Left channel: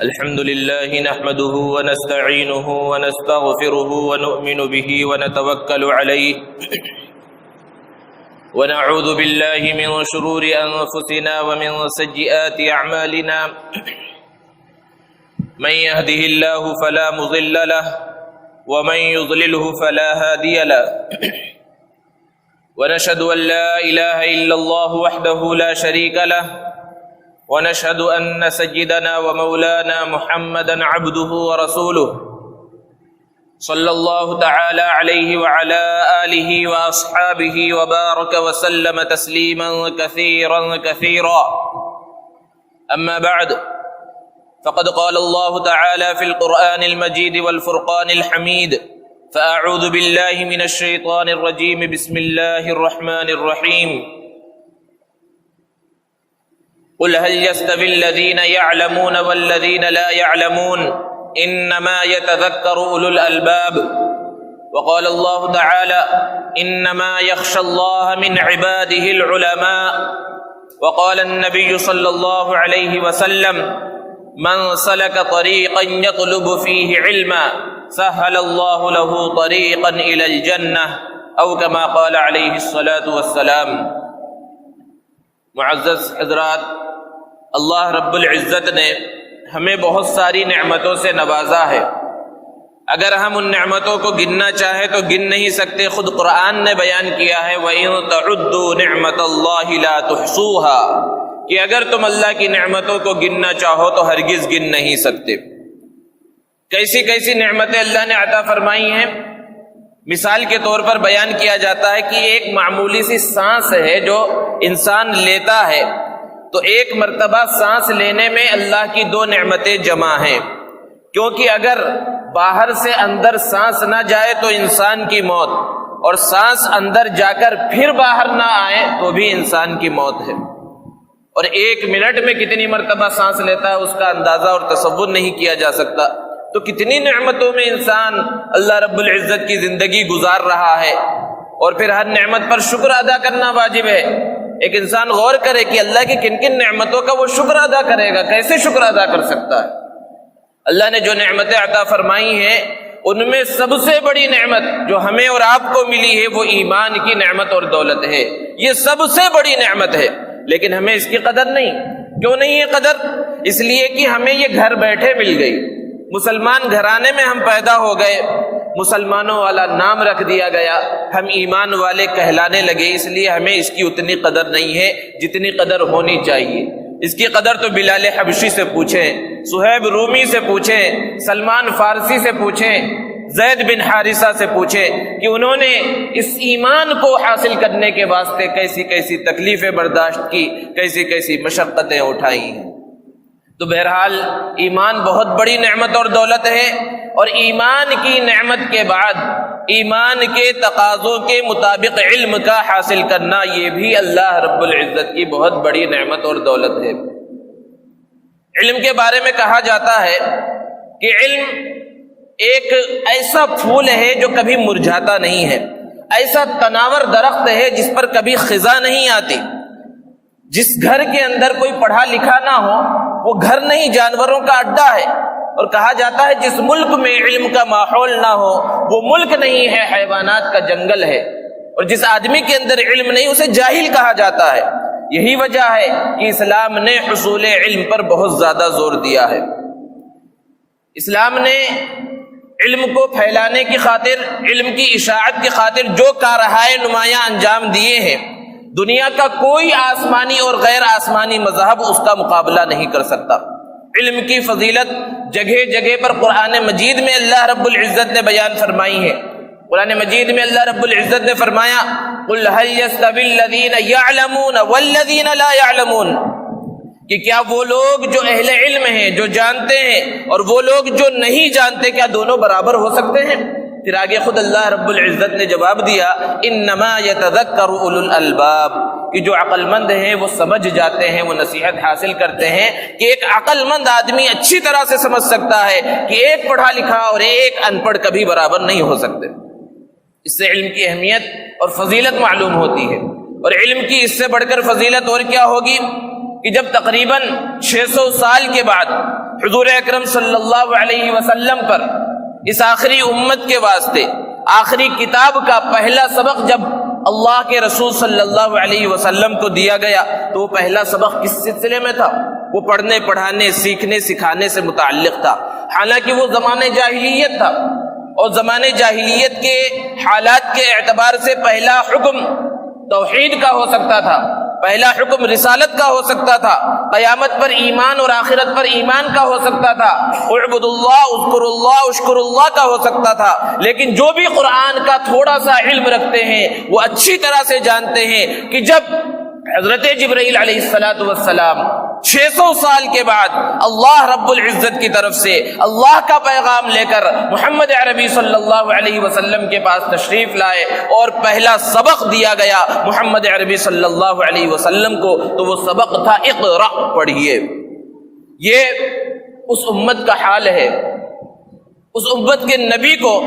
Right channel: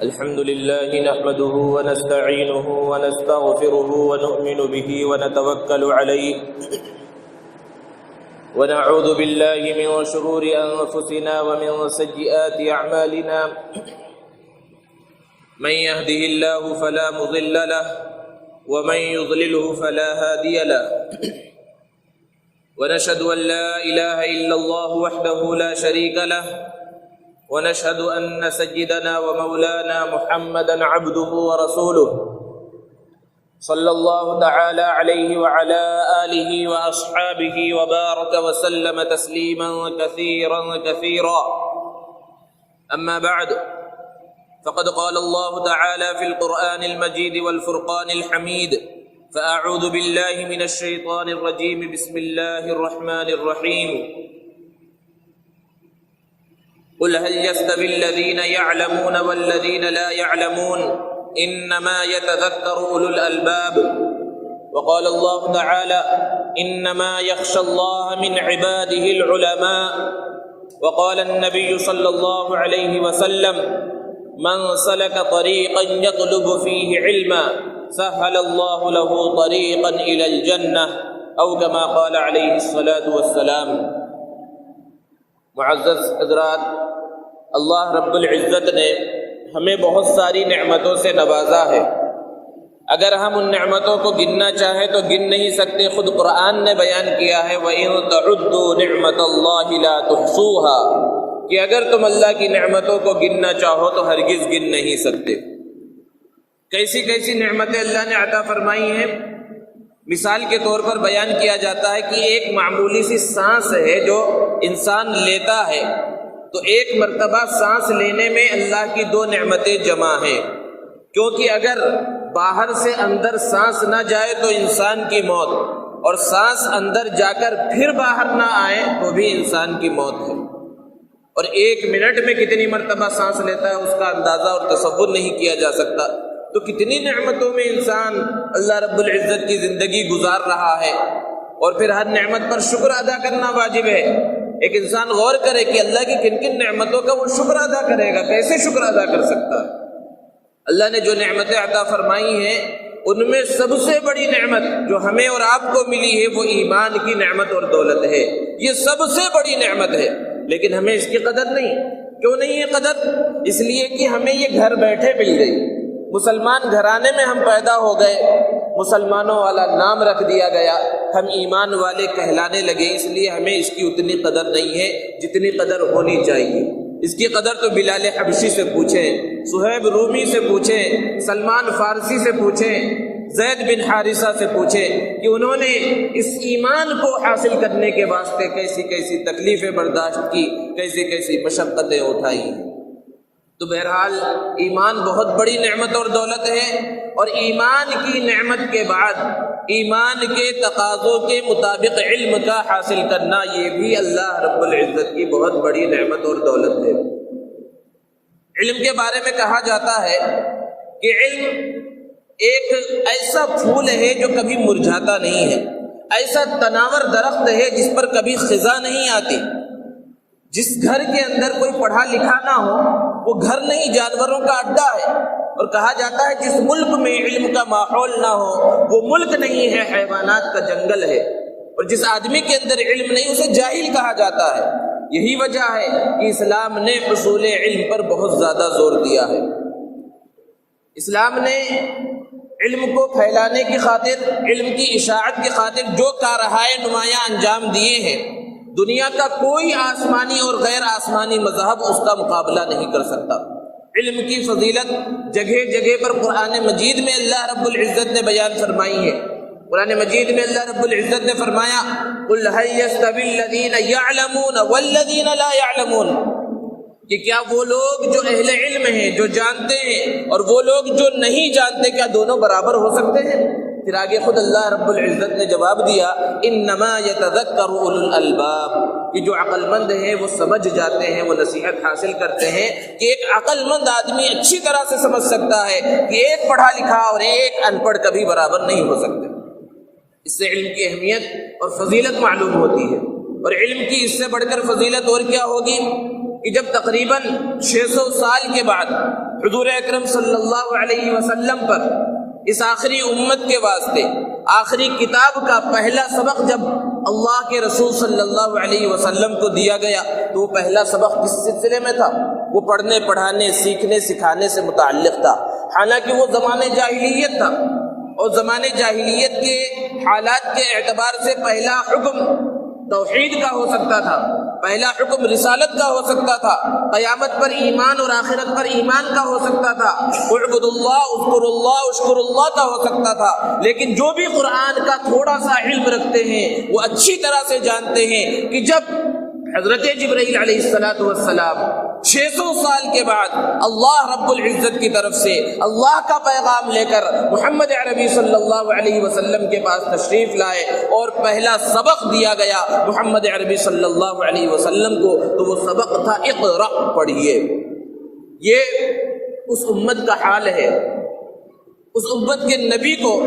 الحمد لله نحمده ونستعينه ونستغفره ونؤمن به ونتوكل عليه ونعوذ بالله من شرور أنفسنا ومن سيئات أعمالنا من يهده الله فلا مضل له ومن يضلله فلا هادي له ونشهد أن لا إله إلا الله وحده لا شريك له ونشهد أن سيدنا ومولانا محمدا عبده ورسوله صلى الله تعالى عليه وعلى آله وأصحابه وبارك وسلم تسليما كثيرا أما بعد فقد قال الله تعالى في القرآن المجيد والفرقان الحميد فأعوذ بالله من الشيطان الرجيم بسم الله الرحمن الرحيم قل هل يستوي الذين يعلمون والذين لا يعلمون إنما يتذكر أولو الألباب وقال الله تعالى إنما يخشى الله من عباده العلماء وقال النبي صلى الله عليه وسلم من سلك طريقا يطلب فيه علما سهل الله له طريقا إلى الجنة أو كما قال عليه الصلاة والسلام. معزز حضرات، اللہ رب العزت نے ہمیں بہت ساری نعمتوں سے نوازا ہے. اگر ہم ان نعمتوں کو گننا چاہیں تو گن نہیں سکتے. خود قرآن نے بیان کیا ہے وَإِن تَعُدُّوا نِعْمَةَ اللَّهِ لَا تُحْصُوهَا کہ اگر تم اللہ کی نعمتوں کو گننا چاہو تو ہرگز گن نہیں سکتے. کیسی کیسی نعمتیں اللہ نے عطا فرمائی ہیں. مثال کے طور پر بیان کیا جاتا ہے کہ ایک معمولی سی سانس ہے جو انسان لیتا ہے تو ایک مرتبہ سانس لینے میں اللہ کی دو نعمتیں جمع ہیں. کیونکہ اگر باہر سے اندر سانس نہ جائے تو انسان کی موت، اور سانس اندر جا کر پھر باہر نہ آئے تو بھی انسان کی موت ہے. اور ایک منٹ میں کتنی مرتبہ سانس لیتا ہے اس کا اندازہ اور تصور نہیں کیا جا سکتا. تو کتنی نعمتوں میں انسان اللہ رب العزت کی زندگی گزار رہا ہے، اور پھر ہر نعمت پر شکر ادا کرنا واجب ہے. ایک انسان غور کرے کہ اللہ کی کن کن نعمتوں کا وہ شکر ادا کرے گا، کیسے شکر ادا کر سکتا ہے. اللہ نے جو نعمتیں عطا فرمائی ہیں ان میں سب سے بڑی نعمت جو ہمیں اور آپ کو ملی ہے وہ ایمان کی نعمت اور دولت ہے. یہ سب سے بڑی نعمت ہے، لیکن ہمیں اس کی قدر نہیں. کیوں نہیں ہے قدر؟ اس لیے کہ ہمیں یہ گھر بیٹھے مل گئی. مسلمان گھرانے میں ہم پیدا ہو گئے، مسلمانوں والا نام رکھ دیا گیا، ہم ایمان والے کہلانے لگے. اس لیے ہمیں اس کی اتنی قدر نہیں ہے جتنی قدر ہونی چاہیے. اس کی قدر تو بلال حبشی سے پوچھیں، صہیب رومی سے پوچھیں، سلمان فارسی سے پوچھیں، زید بن حارثہ سے پوچھیں کہ انہوں نے اس ایمان کو حاصل کرنے کے واسطے کیسی کیسی تکلیفیں برداشت کی، کیسی کیسی مشقتیں اٹھائی. تو بہرحال ایمان بہت بڑی نعمت اور دولت ہے، اور ایمان کی نعمت کے بعد ایمان کے تقاضوں کے مطابق علم کا حاصل کرنا یہ بھی اللہ رب العزت کی بہت بڑی نعمت اور دولت ہے. علم کے بارے میں کہا جاتا ہے کہ علم ایک ایسا پھول ہے جو کبھی مرجھاتا نہیں ہے، ایسا تناور درخت ہے جس پر کبھی خزاں نہیں آتی. جس گھر کے اندر کوئی پڑھا لکھا نہ ہو وہ گھر نہیں، جانوروں کا اڈا ہے. اور کہا جاتا ہے جس ملک میں علم کا ماحول نہ ہو وہ ملک نہیں ہے، حیوانات کا جنگل ہے. اور جس آدمی کے اندر علم نہیں اسے جاہل کہا جاتا ہے. یہی وجہ ہے کہ اسلام نے حصول علم پر بہت زیادہ زور دیا ہے. اسلام نے علم کو پھیلانے کی خاطر، علم کی اشاعت کی خاطر جو کارہائے نمایاں انجام دیے ہیں، دنیا کا کوئی آسمانی اور غیر آسمانی مذہب اس کا مقابلہ نہیں کر سکتا. علم کی فضیلت جگہ جگہ پر قرآن مجید میں اللہ رب العزت نے بیان فرمائی ہے. قرآن مجید میں اللہ رب العزت نے فرمایا قُلْ هَلْ يَسْتَوِي الَّذِينَ يَعْلَمُونَ وَالَّذِينَ لَا يَعْلَمُونَ کہ کیا وہ لوگ جو اہل علم ہیں، جو جانتے ہیں، اور وہ لوگ جو نہیں جانتے، کیا دونوں برابر ہو سکتے ہیں؟ پھر آگے خود اللہ رب العزت نے جواب دیا انما یتذکر اولو الالباب کہ جو عقل مند ہیں وہ سمجھ جاتے ہیں، وہ نصیحت حاصل کرتے ہیں. کہ ایک عقل مند آدمی اچھی طرح سے سمجھ سکتا ہے کہ ایک پڑھا لکھا اور ایک ان پڑھ کبھی برابر نہیں ہو سکتے. اس سے علم کی اہمیت اور فضیلت معلوم ہوتی ہے. اور علم کی اس سے بڑھ کر فضیلت اور کیا ہوگی کہ جب تقریباً 600 سال کے بعد حضور اکرم صلی اللہ علیہ وسلم پر اس آخری امت کے واسطے آخری کتاب کا پہلا سبق جب اللہ کے رسول صلی اللہ علیہ وسلم کو دیا گیا تو وہ پہلا سبق کس سلسلے میں تھا؟ وہ پڑھنے پڑھانے سیکھنے سکھانے سے متعلق تھا۔ حالانکہ وہ زمانہ جاہلیت تھا، اور زمانے جاہلیت کے حالات کے اعتبار سے پہلا حکم توحید کا ہو سکتا تھا، پہلا حکم رسالت کا ہو سکتا تھا، قیامت پر ایمان اور آخرت پر ایمان کا ہو سکتا تھا، اعبد اللہ اذکر اللہ اشکر اللہ کا ہو سکتا تھا۔ لیکن جو بھی قرآن کا تھوڑا سا علم رکھتے ہیں وہ اچھی طرح سے جانتے ہیں کہ جب حضرت جبرائیل علیہ السلام 600 سال کے بعد اللہ رب العزت کی طرف سے اللہ کا پیغام لے کر محمد عربی صلی اللہ علیہ وسلم کے پاس تشریف لائے اور پہلا سبق دیا گیا محمد عربی صلی اللہ علیہ وسلم کو، تو وہ سبق تھا اقرأ، پڑھیے۔ یہ اس امت کا حال ہے۔ اس امت کے نبی کو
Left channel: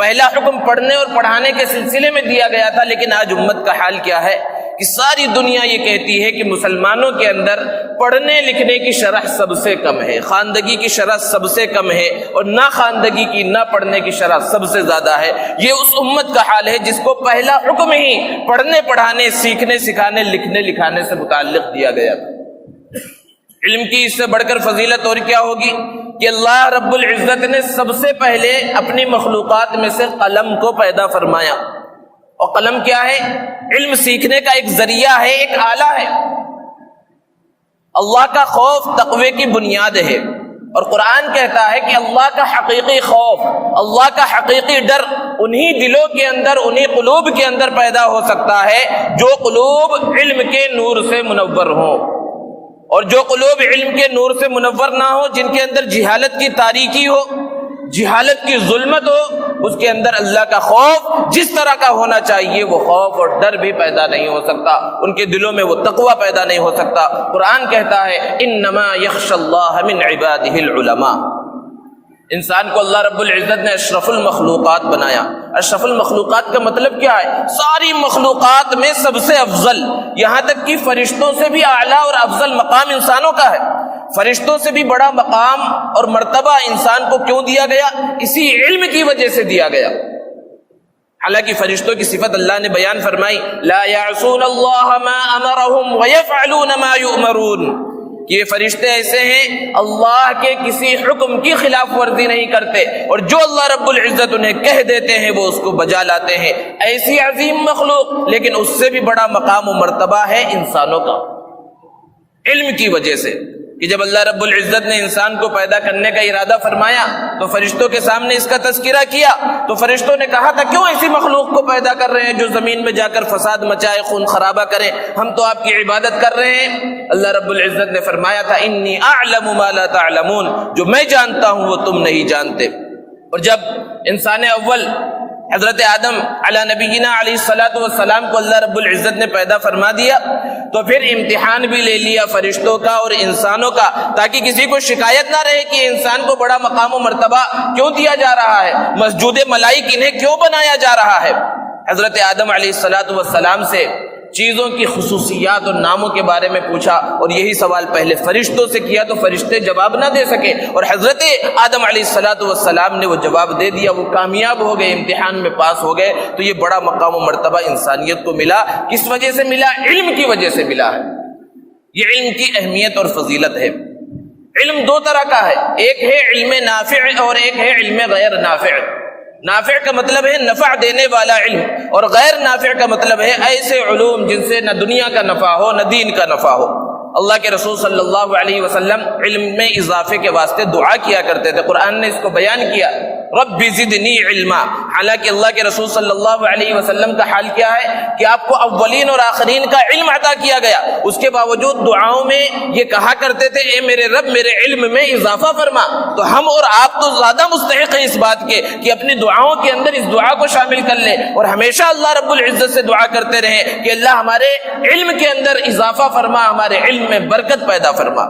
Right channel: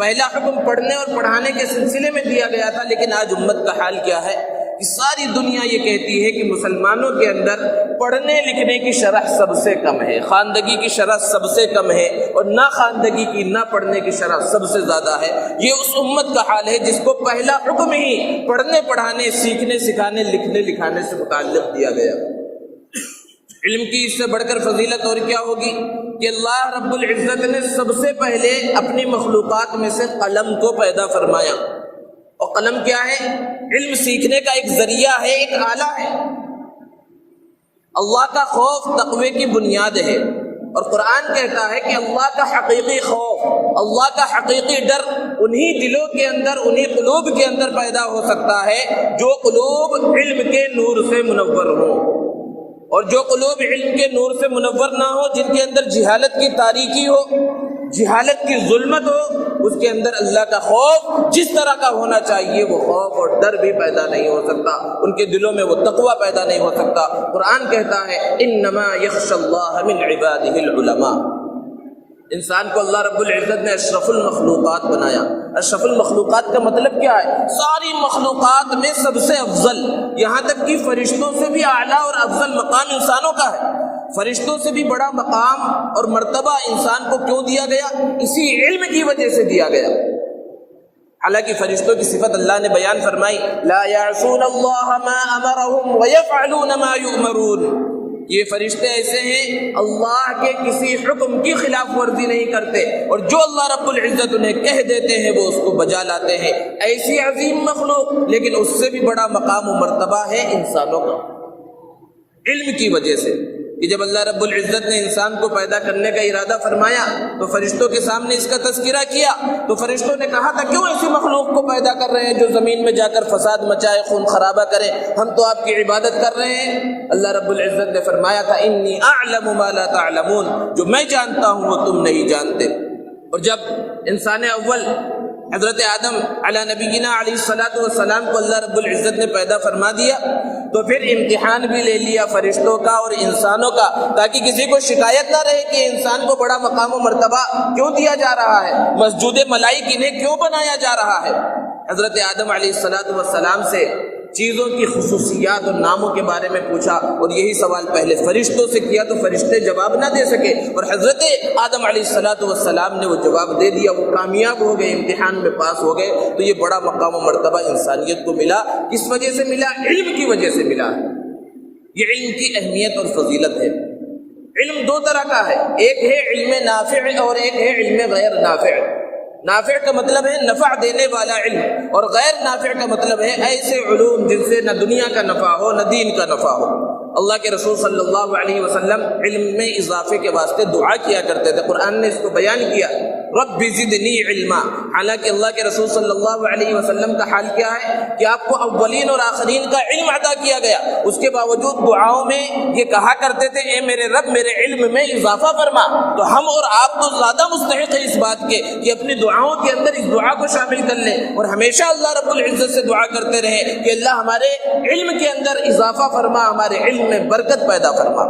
پہلا حکم پڑھنے اور پڑھانے کے سلسلے میں دیا گیا تھا، لیکن آج امت کا حال کیا ہے کہ ساری دنیا یہ کہتی ہے کہ مسلمانوں کے اندر پڑھنے لکھنے کی شرح سب سے کم ہے، خواندگی کی شرح سب سے کم ہے، اور نہ خواندگی کی نہ پڑھنے کی شرح سب سے زیادہ ہے۔ یہ اس امت کا حال ہے جس کو پہلا حکم ہی پڑھنے پڑھانے سیکھنے سکھانے لکھنے لکھانے سے متعلق دیا گیا۔ علم کی اس سے بڑھ کر فضیلت اور کیا ہوگی کہ اللہ رب العزت نے سب سے پہلے اپنی مخلوقات میں سے قلم کو پیدا فرمایا، اور قلم کیا ہے؟ علم سیکھنے کا ایک ذریعہ ہے، ایک آلہ ہے۔ اللہ کا خوف تقوی کی بنیاد ہے، اور قرآن کہتا ہے کہ اللہ کا حقیقی خوف، اللہ کا حقیقی ڈر انہی دلوں کے اندر، انہی قلوب کے اندر پیدا ہو سکتا ہے جو قلوب علم کے نور سے منور ہوں، اور جو قلوب علم کے نور سے منور نہ ہو، جن کے اندر جہالت کی تاریکی ہو، جہالت کی ظلمت ہو، اس کے اندر اللہ کا خوف جس طرح کا ہونا چاہیے وہ خوف اور ڈر بھی پیدا نہیں ہو سکتا، ان کے دلوں میں وہ تقوی پیدا نہیں ہو سکتا۔ قرآن کہتا ہے انما یخشی اللہ من عبادہ العلماء۔ انسان کو اللہ رب العزت نے اشرف المخلوقات بنایا۔ اشرف المخلوقات کا مطلب کیا ہے؟ ساری مخلوقات میں سب سے افضل، یہاں تک کہ فرشتوں سے بھی اعلیٰ اور افضل مقام انسانوں کا ہے۔ فرشتوں سے بھی بڑا مقام اور مرتبہ انسان کو کیوں دیا گیا؟ اسی علم کی وجہ سے دیا گیا۔ حالانکہ فرشتوں کی صفت اللہ نے بیان فرمائی، لا یعصون اللہ ما امرهم ویفعلون ما یؤمرون، کہ یہ فرشتے ایسے ہیں اللہ کے کسی حکم کی خلاف ورزی نہیں کرتے، اور جو اللہ رب العزت انہیں کہہ دیتے ہیں وہ اس کو بجا لاتے ہیں۔ ایسی عظیم مخلوق، لیکن اس سے بھی بڑا مقام و مرتبہ ہے انسانوں کا، علم کی وجہ سے، کہ جب اللہ رب العزت نے انسان کو پیدا کرنے کا ارادہ فرمایا تو فرشتوں کے سامنے اس کا تذکرہ کیا، تو فرشتوں نے کہا تھا کیوں ایسی مخلوق کو پیدا کر رہے ہیں جو زمین میں جا کر فساد مچائے، خون خرابہ کرے، ہم تو آپ کی عبادت کر رہے ہیں۔ اللہ رب العزت نے فرمایا تھا انی اعلم ما لا تعلمون، جو میں جانتا ہوں وہ تم نہیں جانتے۔ اور جب انسان اول حضرت آدم علی نبینا علیہ السلام کو اللہ رب العزت نے پیدا فرما دیا تو پھر امتحان بھی لے لیا فرشتوں کا اور انسانوں کا، تاکہ کسی کو شکایت نہ رہے کہ انسان کو بڑا مقام و مرتبہ کیوں دیا جا رہا ہے، مسجود ملائک انہیں کیوں بنایا جا رہا ہے۔ حضرت آدم علیہ السلام سے چیزوں کی خصوصیات اور ناموں کے بارے میں پوچھا، اور یہی سوال پہلے فرشتوں سے کیا تو فرشتے جواب نہ دے سکے، اور حضرت آدم علیہ السلام نے وہ جواب دے دیا، وہ کامیاب ہو گئے، امتحان میں پاس ہو گئے۔ تو یہ بڑا مقام و مرتبہ انسانیت کو ملا، کس وجہ سے ملا؟ علم کی وجہ سے ملا ہے۔ یہ علم کی اہمیت اور فضیلت ہے۔ علم دو طرح کا ہے، ایک ہے علم نافع اور ایک ہے علم غیر نافع۔ نافع کا مطلب ہے نفع دینے والا علم، اور غیر نافع کا مطلب ہے ایسے علوم جن سے نہ دنیا کا نفع ہو نہ دین کا نفع ہو۔ اللہ کے رسول صلی اللہ علیہ وسلم علم میں اضافے کے واسطے دعا کیا کرتے تھے، قرآن نے اس کو بیان کیا، رب زدنی علما۔ حالانکہ اللہ کے رسول صلی اللہ علیہ وسلم کا حال کیا ہے کہ آپ کو اولین اور آخرین کا علم عطا کیا گیا، اس کے باوجود دعاؤں میں یہ کہا کرتے تھے اے میرے رب میرے علم میں اضافہ فرما۔ تو ہم اور آپ تو زیادہ مستحق ہیں اس بات کے کہ اپنی دعاؤں کے اندر اس دعا کو شامل کر لیں، اور ہمیشہ اللہ رب العزت سے دعا کرتے رہیں کہ اللہ ہمارے علم کے اندر اضافہ فرما، ہمارے علم میں برکت پیدا فرما۔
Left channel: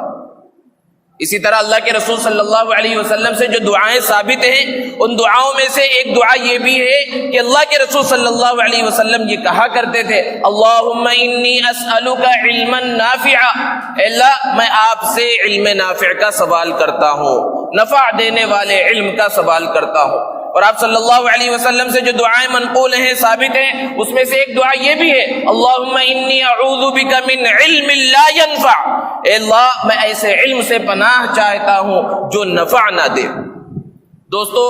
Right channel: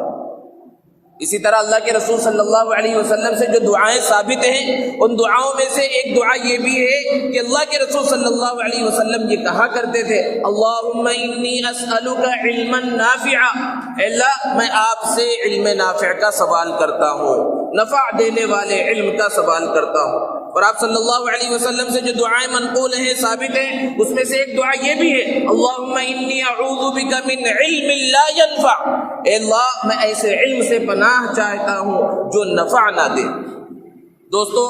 اسی طرح اللہ کے رسول صلی اللہ علیہ وسلم سے جو دعائیں ثابت ہیں ان دعاؤں میں سے ایک دعا یہ بھی ہے کہ اللہ کے رسول صلی اللہ علیہ وسلم یہ کہا کرتے تھے اللہم انی اسألک علما نافعا، اے اللہ میں آپ سے علم نافع کا سوال کرتا ہوں، نفع دینے والے علم کا سوال کرتا ہوں۔ اور آپ صلی اللہ علیہ وسلم سے جو دعائیں منقول ہیں ثابت ہیں اس میں سے ایک دعا یہ بھی ہے اللہم انی اعوذ بک من علم لا ینفع، اے اللہ میں ایسے علم سے پناہ چاہتا ہوں جو نفع نہ دے۔ دوستو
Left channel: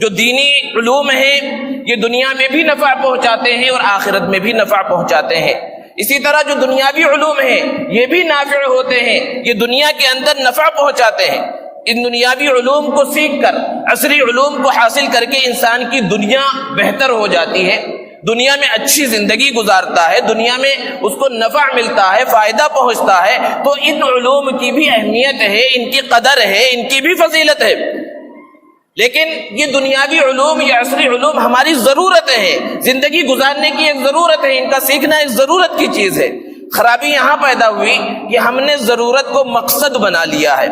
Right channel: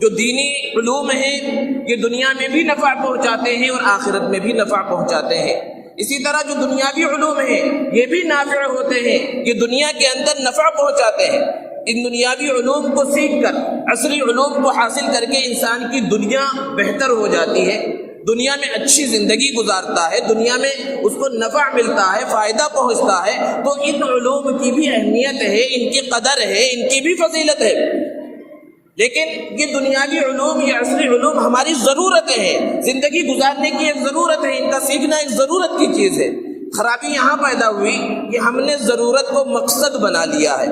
جو دینی علوم ہیں یہ دنیا میں بھی نفع پہنچاتے ہیں اور آخرت میں بھی نفع پہنچاتے ہیں، اسی طرح جو دنیاوی علوم ہیں یہ بھی نافع ہوتے ہیں، یہ دنیا کے اندر نفع پہنچاتے ہیں۔ ان دنیاوی علوم کو سیکھ کر عصری علوم کو حاصل کر کے انسان کی دنیا بہتر ہو جاتی ہے، دنیا میں اچھی زندگی گزارتا ہے، دنیا میں اس کو نفع ملتا ہے، فائدہ پہنچتا ہے، تو ان علوم کی بھی اہمیت ہے، ان کی قدر ہے، ان کی بھی فضیلت ہے۔ لیکن یہ دنیاوی علوم، یہ عصری علوم ہماری ضرورت ہے، زندگی گزارنے کی ایک ضرورت ہے، ان کا سیکھنا ایک ضرورت کی چیز ہے۔ خرابی یہاں پیدا ہوئی کہ ہم نے ضرورت کو مقصد بنا لیا ہے۔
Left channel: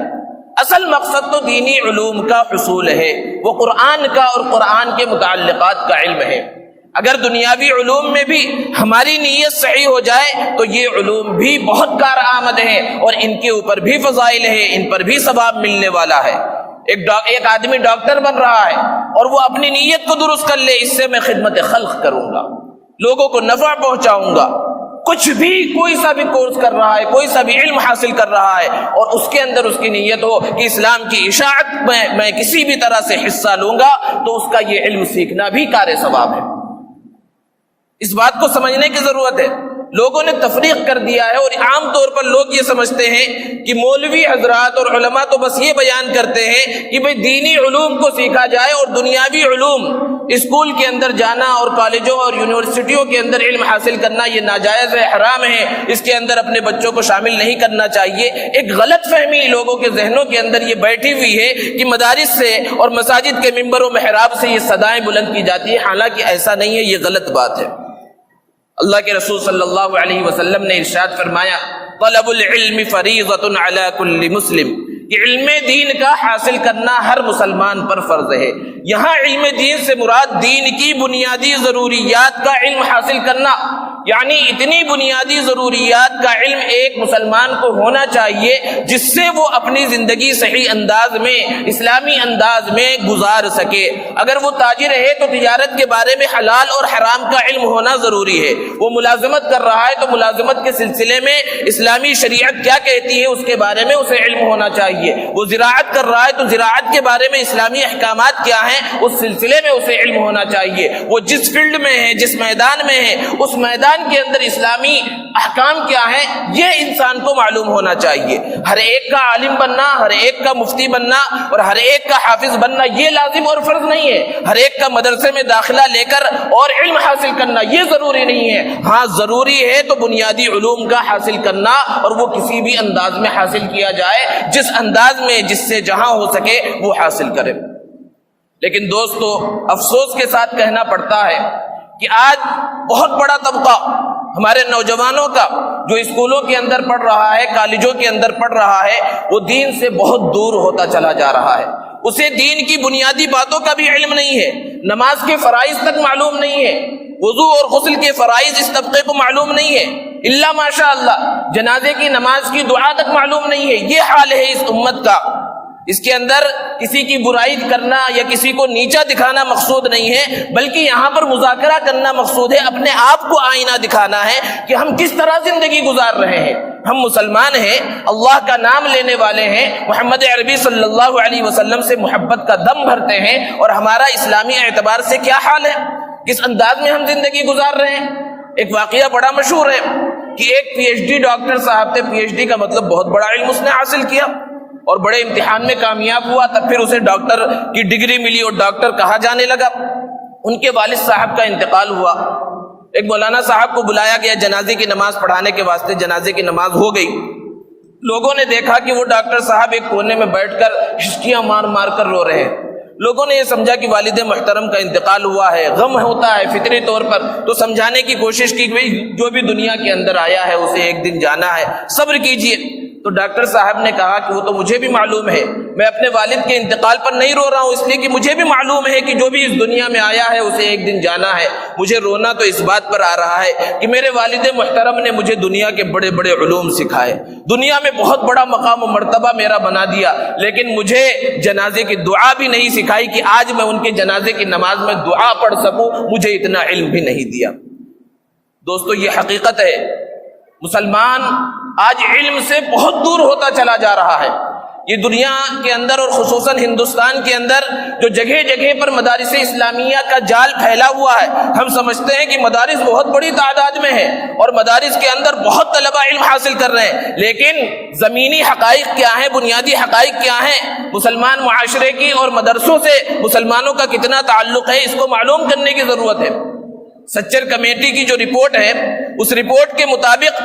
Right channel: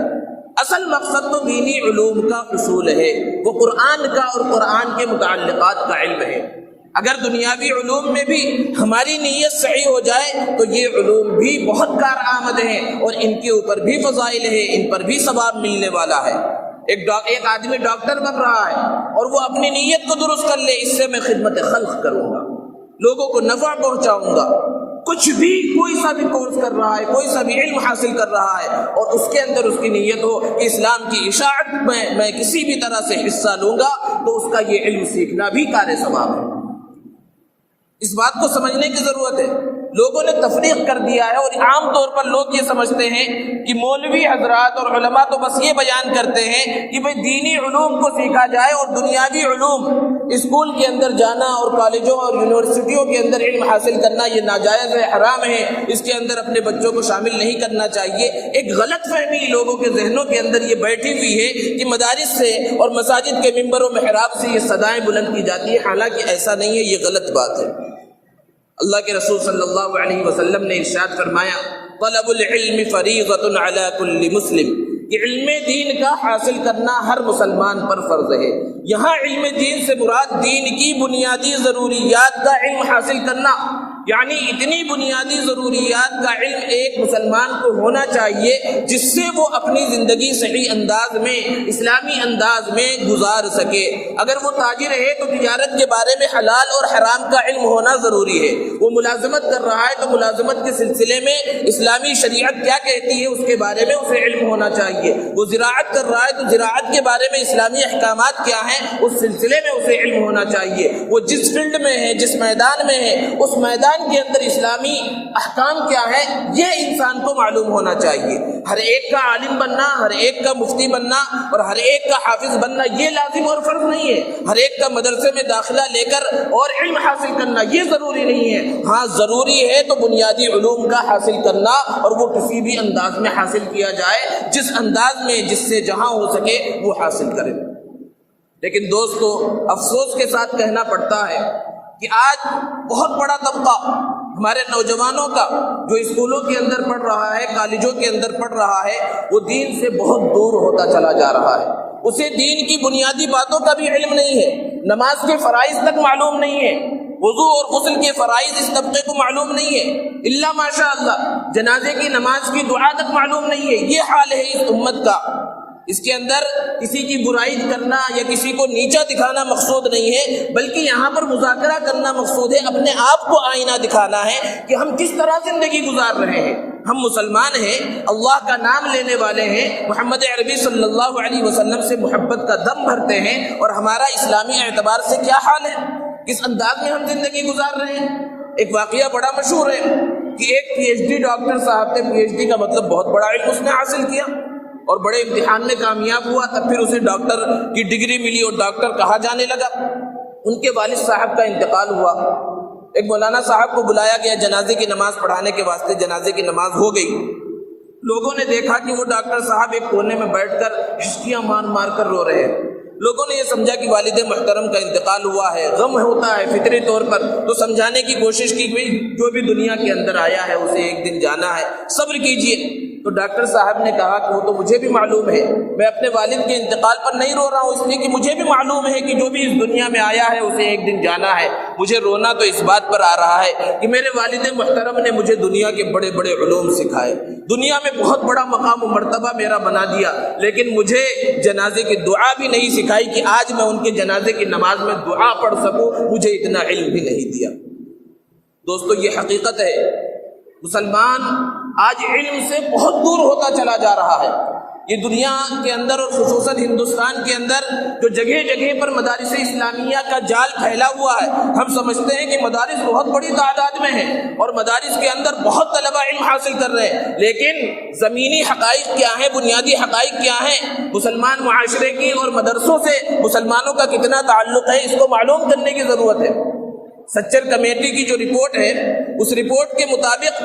اصل مقصد تو دینی علوم کا حصول ہے، وہ قرآن کا اور قرآن کے متعلقات کا علم ہے۔ اگر دنیاوی علوم میں بھی ہماری نیت صحیح ہو جائے تو یہ علوم بھی بہت کارآمد ہیں اور ان کے اوپر بھی فضائل ہیں، ان پر بھی ثواب ملنے والا ہے۔ ایک آدمی ڈاکٹر بن رہا ہے اور وہ اپنی نیت کو درست کر لے، اس سے میں خدمت خلق کروں گا، لوگوں کو نفع پہنچاؤں گا، کچھ بھی کوئی سا بھی کورس کر رہا ہے، کوئی سا بھی علم حاصل کر رہا ہے اور اس کے اندر اس کی نیت ہو کہ اسلام کی اشاعت میں کسی بھی طرح سے حصہ لوں گا، تو اس کا یہ علم سیکھنا بھی کار ثواب ہے۔ اس بات کو سمجھنے کی ضرورت ہے۔ لوگوں نے تفریق کر دیا ہے اور عام طور پر لوگ یہ سمجھتے ہیں کہ مولوی حضرات اور علماء تو بس یہ بیان کرتے ہیں کہ بھئی دینی علوم کو سیکھا جائے اور دنیاوی علوم اسکول کے اندر جانا اور کالجوں اور یونیورسٹیوں کے اندر علم حاصل کرنا یہ ناجائز ہے، حرام ہے، اس کے اندر اپنے بچوں کو شامل نہیں کرنا چاہیے۔ ایک غلط فہمی لوگوں کے ذہنوں کے اندر یہ بیٹھی ہوئی ہے کہ مدارس سے اور مساجد کے منبر و محراب سے یہ صدائیں بلند کی جاتی ہیں، حالانکہ ایسا نہیں ہے، یہ غلط بات ہے۔ اللہ کے رسول صلی اللہ علیہ وسلم نے ارشاد فرمایا طلب العلم فریضۃ علی کل مسلم، کہ علم دین کا حاصل کرنا ہر مسلمان پر فرض ہے۔ یہاں علم دین سے مراد دین کی بنیادی ضروریات کا علم حاصل کرنا، یعنی اتنی بنیادی ضروریات کا علم ایک مسلمان کو ہونا چاہیے جس سے وہ اپنی زندگی صحیح انداز میں، اسلامی انداز میں گزار سکے۔ اگر وہ تاجر ہے تو تجارت کے بارے میں حلال اور حرام کا علم ہونا ضروری ہے۔ وہ ملازمت کر رہا ہے تو ملازمت کے سلسلے میں اسلامی شریعت کیا کہتی ہے اس کے بارے میں اسے علم ہونا چاہیے۔ وہ زراعت کر رہا ہے تو زراعت کے بارے میں اسلامی احکامات کیا ہیں اس سلسلے میں اسے علم ہونا چاہیے۔ وہ جس فیلڈ میں ہے، جس میدان میں ہے، اس میدان کے اندر اسلامی احکام کیا ہے یہ انسان کو معلوم ہونا چاہیے۔ ہر ایک کا عالم بننا، ہر ایک کا مفتی بننا اور ہر ایک کا حافظ بننا یہ لازم اور فرض نہیں ہے۔ ہر ایک کا مدرسے میں داخلہ لے کر اور علم حاصل کرنا یہ ضروری نہیں ہے۔ ہاں ضروری ہے تو بنیادی علوم کا حاصل کرنا، اور وہ کسی بھی انداز میں حاصل کیا جائے، جس انداز میں جس سے جہاں ہو سکے وہ حاصل کرے۔ لیکن دوستو افسوس کے ساتھ کہنا پڑتا ہے کہ آج بہت بڑا طبقہ ہمارے نوجوانوں کا جو اسکولوں کے اندر پڑھ رہا ہے، کالجوں کے اندر پڑھ رہا ہے، وہ دین سے بہت دور ہوتا چلا جا رہا ہے۔ اسے دین کی بنیادی باتوں کا بھی علم نہیں ہے، نماز کے فرائض تک معلوم نہیں ہے، وضو اور غسل کے فرائض اس طبقے کو معلوم نہیں ہے، الا ماشاء اللہ جنازے کی نماز کی دعا تک معلوم نہیں ہے۔ یہ حال ہے اس امت کا۔ اس کے اندر کسی کی برائی کرنا یا کسی کو نیچا دکھانا مقصود نہیں ہے، بلکہ یہاں پر مذاکرہ کرنا مقصود ہے، اپنے آپ کو آئینہ دکھانا ہے کہ ہم کس طرح زندگی گزار رہے ہیں۔ ہم مسلمان ہیں، اللہ کا نام لینے والے ہیں، محمد عربی صلی اللہ علیہ وسلم سے محبت کا دم بھرتے ہیں، اور ہمارا اسلامی اعتبار سے کیا حال ہے، کس انداز میں ہم زندگی گزار رہے ہیں۔ ایک واقعہ بڑا مشہور ہے کہ ایک پی ایچ ڈی ڈاکٹر صاحب تھے، پی ایچ ڈی کا مطلب بہت بڑا علم اس نے حاصل کیا اور بڑے امتحان میں کامیاب ہوا، تب پھر اسے ڈاکٹر کی ڈگری ملی اور ڈاکٹر کہا جانے لگا۔ ان کے والد صاحب کا انتقال ہوا، ایک مولانا صاحب کو بلایا گیا جنازے کی نماز پڑھانے کے واسطے، جنازے کی نماز ہو گئی۔ لوگوں نے دیکھا کہ وہ ڈاکٹر صاحب ایک کونے میں بیٹھ کر ہچکیاں مار مار کر رو رہے ہیں۔ لوگوں نے یہ سمجھا کہ والد محترم کا انتقال ہوا ہے، غم ہوتا ہے فطری طور پر، تو سمجھانے کی کوشش کی کہ جو بھی دنیا کے اندر آیا ہے اسے ایک دن جانا ہے، صبر کیجئے۔ تو ڈاکٹر صاحب نے کہا کہ وہ تو مجھے بھی معلوم ہے، میں اپنے والد کے انتقال پر نہیں رو رہا ہوں، اس لیے کہ مجھے بھی معلوم ہے کہ جو بھی اس دنیا میں آیا ہے اسے ایک دن جانا ہے۔ مجھے رونا تو اس بات پر آ رہا ہے کہ میرے والد محترم نے مجھے دنیا کے بڑے بڑے علوم سکھائے، دنیا میں بہت بڑا مقام و مرتبہ میرا بنا دیا، لیکن مجھے جنازے کی دعا بھی نہیں سکھائی کہ آج میں ان کے جنازے کی نماز میں دعا پڑھ سکوں، مجھے اتنا علم بھی نہیں دیا۔ دوستو یہ حقیقت ہے، مسلمان آج علم سے بہت دور ہوتا چلا جا رہا ہے۔ یہ دنیا کے اندر اور خصوصاً ہندوستان کے اندر جو جگہ جگہ پر مدارس اسلامیہ کا جال پھیلا ہوا ہے، ہم سمجھتے ہیں کہ مدارس بہت بڑی تعداد میں ہے اور مدارس کے اندر بہت طلبہ علم حاصل کر رہے ہیں، لیکن زمینی حقائق کیا ہیں، بنیادی حقائق کیا ہیں، مسلمان معاشرے کی اور مدرسوں سے مسلمانوں کا کتنا تعلق ہے، اس کو معلوم کرنے کی ضرورت ہے۔ سچر کمیٹی کی جو رپورٹ ہے، اس رپورٹ کے مطابق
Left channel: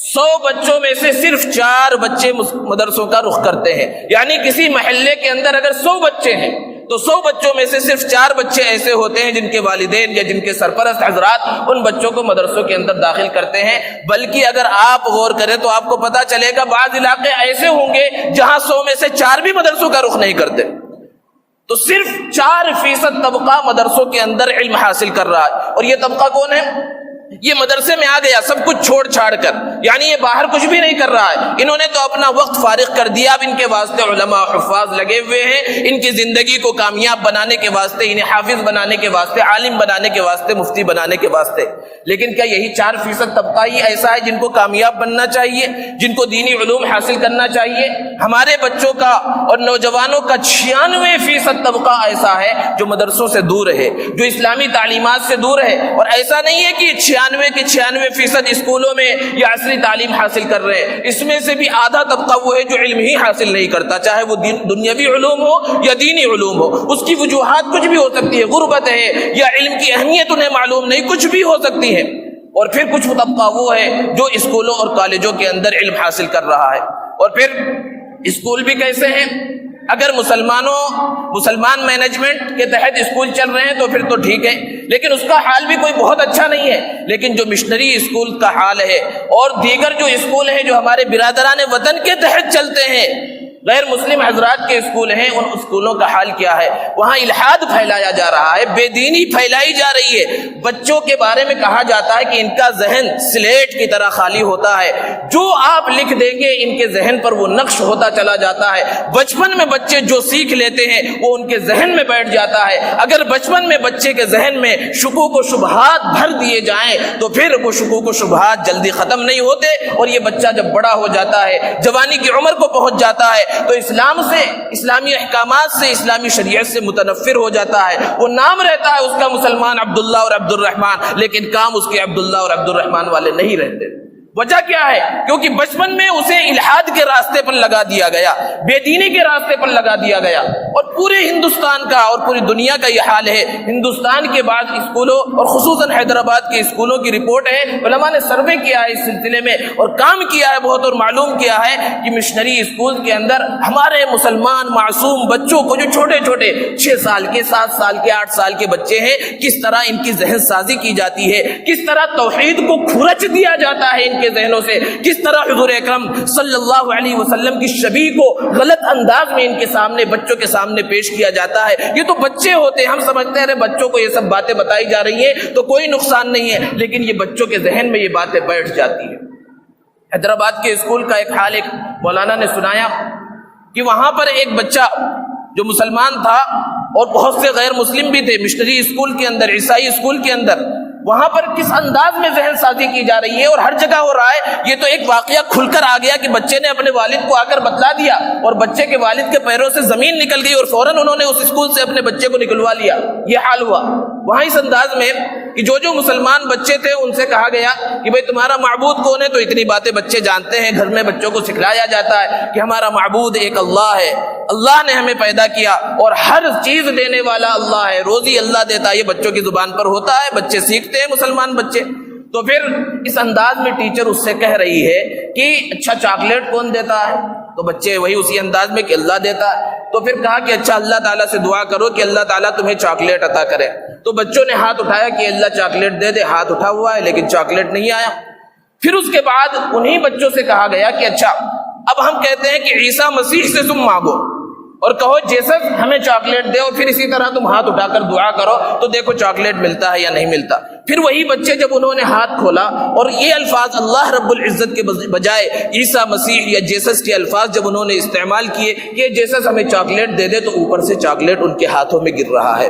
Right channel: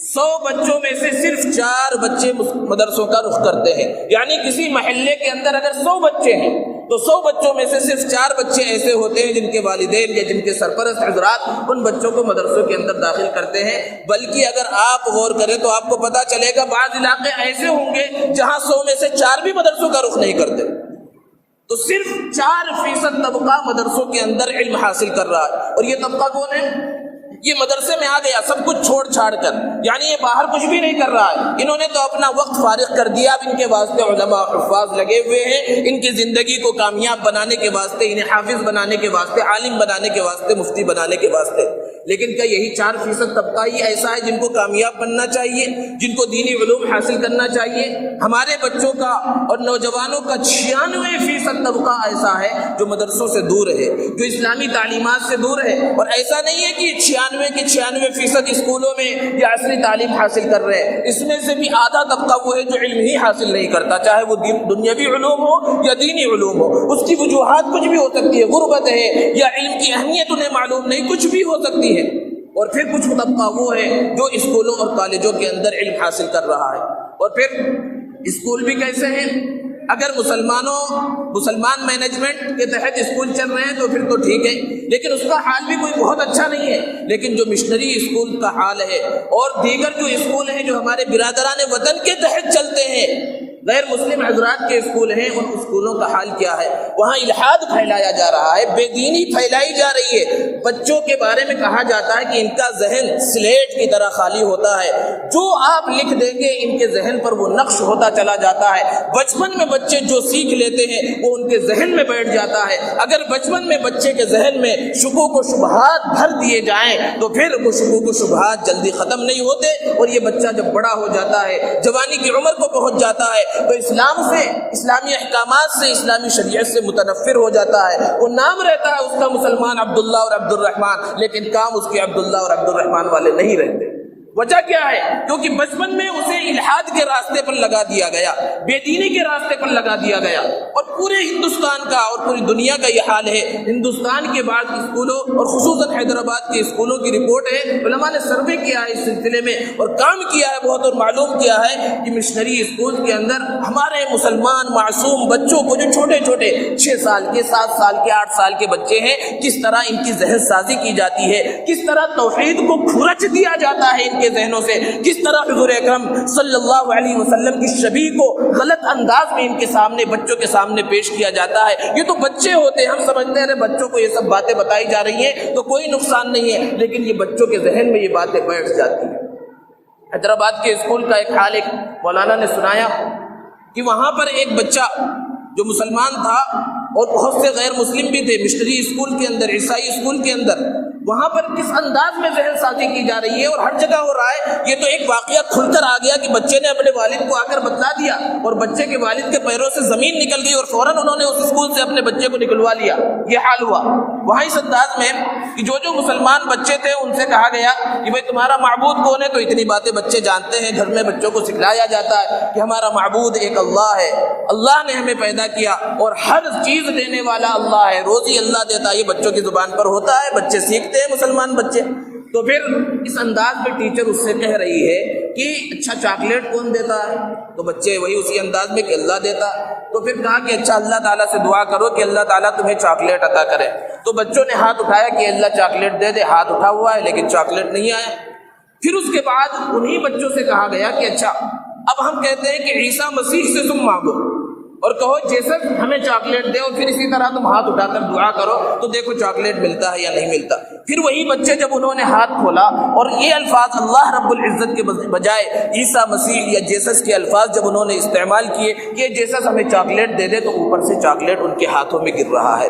100 بچوں میں سے صرف 4 بچے مدرسوں کا رخ کرتے ہیں، یعنی کسی محلے کے اندر اگر 100 بچے ہیں تو 100 بچوں میں سے صرف 4 بچے ایسے ہوتے ہیں جن کے والدین یا جن کے سرپرست حضرات ان بچوں کو مدرسوں کے اندر داخل کرتے ہیں۔ بلکہ اگر آپ غور کریں تو آپ کو پتا چلے گا بعض علاقے ایسے ہوں گے جہاں 100 میں سے 4 بھی مدرسوں کا رخ نہیں کرتے۔ تو صرف 4% طبقہ مدرسوں کے اندر علم حاصل کر رہا ہے، اور یہ طبقہ کون ہے؟ یہ مدرسے میں آ گیا سب کچھ چھوڑ چھاڑ کر، یعنی یہ باہر کچھ بھی نہیں کر رہا ہے، انہوں نے تو اپنا وقت فارغ کر دیا۔ اب ان کے واسطے علماء حفاظ لگے ہوئے ہیں، ان کی زندگی کو کامیاب بنانے کے واسطے، انہیں حافظ بنانے کے واسطے، عالم بنانے کے واسطے، مفتی بنانے کے واسطے۔ لیکن کیا یہی 4% طبقہ ہی ایسا ہے جن کو کامیاب بننا چاہیے، جن کو دینی علوم حاصل کرنا چاہیے؟ ہمارے بچوں کا اور نوجوانوں کا 96% طبقہ ایسا ہے جو مدرسوں سے دور ہے، جو اسلامی تعلیمات سے دور ہے۔ اور ایسا نہیں ہے کہ 96% اسکولوں میں یا عصری تعلیم حاصل کر رہے ہیں، اس میں سے بھی آدھا طبقہ وہ ہے جو علم ہی حاصل نہیں کرتا، چاہے وہ دنیاوی علوم ہو یا دینی علوم ہو۔ اس کی وجوہات کچھ بھی ہو سکتی ہے، غربت ہے یا علم کی اہمیت انہیں معلوم نہیں، کچھ بھی ہو سکتی ہے۔ اور پھر کچھ طبقہ وہ ہے جو اسکولوں اور کالجوں کے اندر علم حاصل کر رہا ہے۔ اور پھر اسکول بھی کیسے ہیں؟ اگر مسلمان مینجمنٹ کے تحت اسکول چل رہے ہیں تو پھر تو ٹھیک ہے، لیکن اس کا حال بھی کوئی بہت اچھا نہیں ہے۔ لیکن جو مشنری اسکول کا حال ہے اور دیگر جو اسکول ہیں جو ہمارے برادران وطن کے تحت چلتے ہیں، غیر مسلم حضرات کے اسکول ہیں، ان اسکولوں کا حال کیا ہے؟ وہاں الحاد پھیلایا جا رہا ہے، بے دینی پھیلائی جا رہی ہے۔ بچوں کے بارے میں کہا جاتا ہے کہ ان کا ذہن سلیٹ کی طرح خالی ہوتا ہے، جو آپ لکھ دیں گے ان کے ذہن پر وہ نقش ہوتا چلا جاتا ہے۔ بچپن میں بچے جو سیکھ لیتے ہیں وہ ان کے ذہن میں بیٹھ جاتا ہے۔ اگر بچپن میں بچے کے ذہن میں شکوک و شبہات بھر دیے جائیں تو پھر وہ شکوک و شبہات جلدی ختم نہیں ہوتے، اور یہ بچہ جب بڑا ہو جاتا ہے، جوانی کی عمر کو پہنچ جاتا ہے، تو اسلام سے، اسلامی احکامات سے، اسلامی شریعت سے متنفر ہو جاتا ہے۔ وہ نام رہتا ہے اس کا مسلمان عبداللہ اور عبد الرحمن، لیکن کام اس کے عبداللہ اور عبد الرحمن والے نہیں رہتے۔ وجہ کیا ہے؟ کیونکہ بچپن میں اسے الحاد کے راستے پر لگا دیا گیا، بے دینی کے راستے پر لگا دیا گیا۔ اور پورے ہندوستان کا اور پوری دنیا کا یہ حال ہے۔ ہندوستان کے بعد اسکولوں اور خصوصاً حیدرآباد کے اسکولوں کی رپورٹ ہے، علماء نے سروے کیا ہے اس سلسلے میں اور کام کیا ہے بہت، اور معلوم کیا ہے کہ مشنری اسکول کے اندر ہمارے مسلمان معصوم بچوں کو، جو چھوٹے چھوٹے 6 سال کے، 7 سال کے، 8 سال کے بچے ہیں، کس طرح ان کی ذہن سازی کی جاتی ہے، کس طرح توحید کو کھرچ دیا جاتا ہے ان کے ذہنوں سے، کس طرح حضور اکرم صلی اللہ علیہ وسلم کی شبیہ کو غلط انداز میں ان کے سامنے، بچوں کے سامنے پیش کیا جاتا ہے۔ یہ تو بچے ہوتے ہیں، ہم سمجھتے ہیں بچوں کو یہ سب باتیں بتائی جا رہی ہیں تو کوئی نقصان نہیں ہے، لیکن یہ بچوں کے ذہن میں یہ باتیں بیٹھ جاتی ہیں۔ حیدرآباد کے اسکول کا ایک حال ایک مولانا نے سنایا کہ وہاں پر ایک بچہ جو مسلمان تھا اور بہت سے غیر مسلم بھی تھے، مشنری اسکول کے اندر، عیسائی اسکول کے اندر، وہاں پر کس انداز میں ذہن سازی کی جا رہی ہے اور ہر جگہ ہو رہا ہے۔ یہ تو ایک واقعہ کھل کر آ گیا کہ بچے نے اپنے والد کو آ کر بتلا دیا اور بچے کے والد کے پیروں سے زمین نکل گئی اور فوراً انہوں نے اس اسکول سے اپنے بچے کو نکلوا لیا۔ یہ حال ہوا وہاں اس انداز میں کہ جو مسلمان بچے تھے ان سے کہا گیا کہ بھئی تمہارا معبود کون ہے؟ تو اتنی باتیں بچے جانتے ہیں، گھر میں بچوں کو سکھلایا جاتا ہے کہ ہمارا معبود ایک اللہ ہے، اللہ نے ہمیں پیدا کیا اور ہر چیز دینے والا اللہ ہے، روزی اللہ دیتا ہے۔ یہ بچوں کی زبان پر ہوتا ہے، بچے سیکھتے ہیں مسلمان بچے۔ تو پھر اس انداز میں ٹیچر اس سے کہہ رہی ہے کہ اچھا چاکلیٹ کون دیتا ہے؟ تو بچے وہی اسی انداز میں کہ اللہ دیتا ہے۔ تو پھر کہا کہ اچھا اللہ تعالیٰ سے دعا کرو کہ اللہ تعالیٰ تمہیں چاکلیٹ عطا کرے۔ تو بچوں نے ہاتھ اٹھایا کہ اللہ چاکلیٹ دے دے، ہاتھ اٹھا ہوا ہے لیکن چاکلیٹ نہیں آیا۔ پھر اس کے بعد انہی بچوں سے کہا گیا کہ اچھا اب ہم کہتے ہیں کہ عیسیٰ مسیح سے تم مانگو اور کہو جیسس ہمیں چاکلیٹ دے، اور پھر اسی طرح تم ہاتھ اٹھا کر دعا کرو تو دیکھو چاکلیٹ ملتا ہے یا نہیں ملتا۔ پھر وہی بچے جب انہوں نے ہاتھ کھولا اور یہ الفاظ اللہ رب العزت کے بجائے عیسیٰ مسیح یا جیسس کے الفاظ جب انہوں نے استعمال کیے کہ جیسس ہمیں چاکلیٹ دے دے، تو اوپر سے چاکلیٹ ان کے ہاتھوں میں گر رہا ہے۔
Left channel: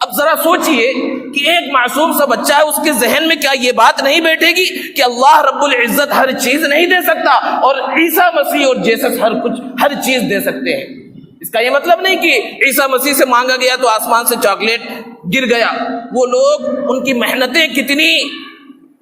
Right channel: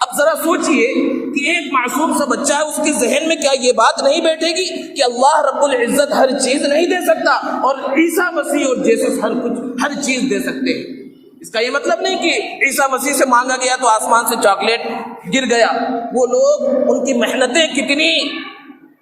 اب ذرا سوچئے کہ ایک معصوم سا بچہ ہے، اس کے ذہن میں کیا یہ بات نہیں بیٹھے گی کہ اللہ رب العزت ہر چیز نہیں دے سکتا اور عیسیٰ مسیح اور جیسس ہر چیز دے سکتے ہیں؟ اس کا یہ مطلب نہیں کہ عیسیٰ مسیح سے مانگا گیا تو آسمان سے چاکلیٹ گر گیا۔ وہ لوگ، ان کی محنتیں کتنی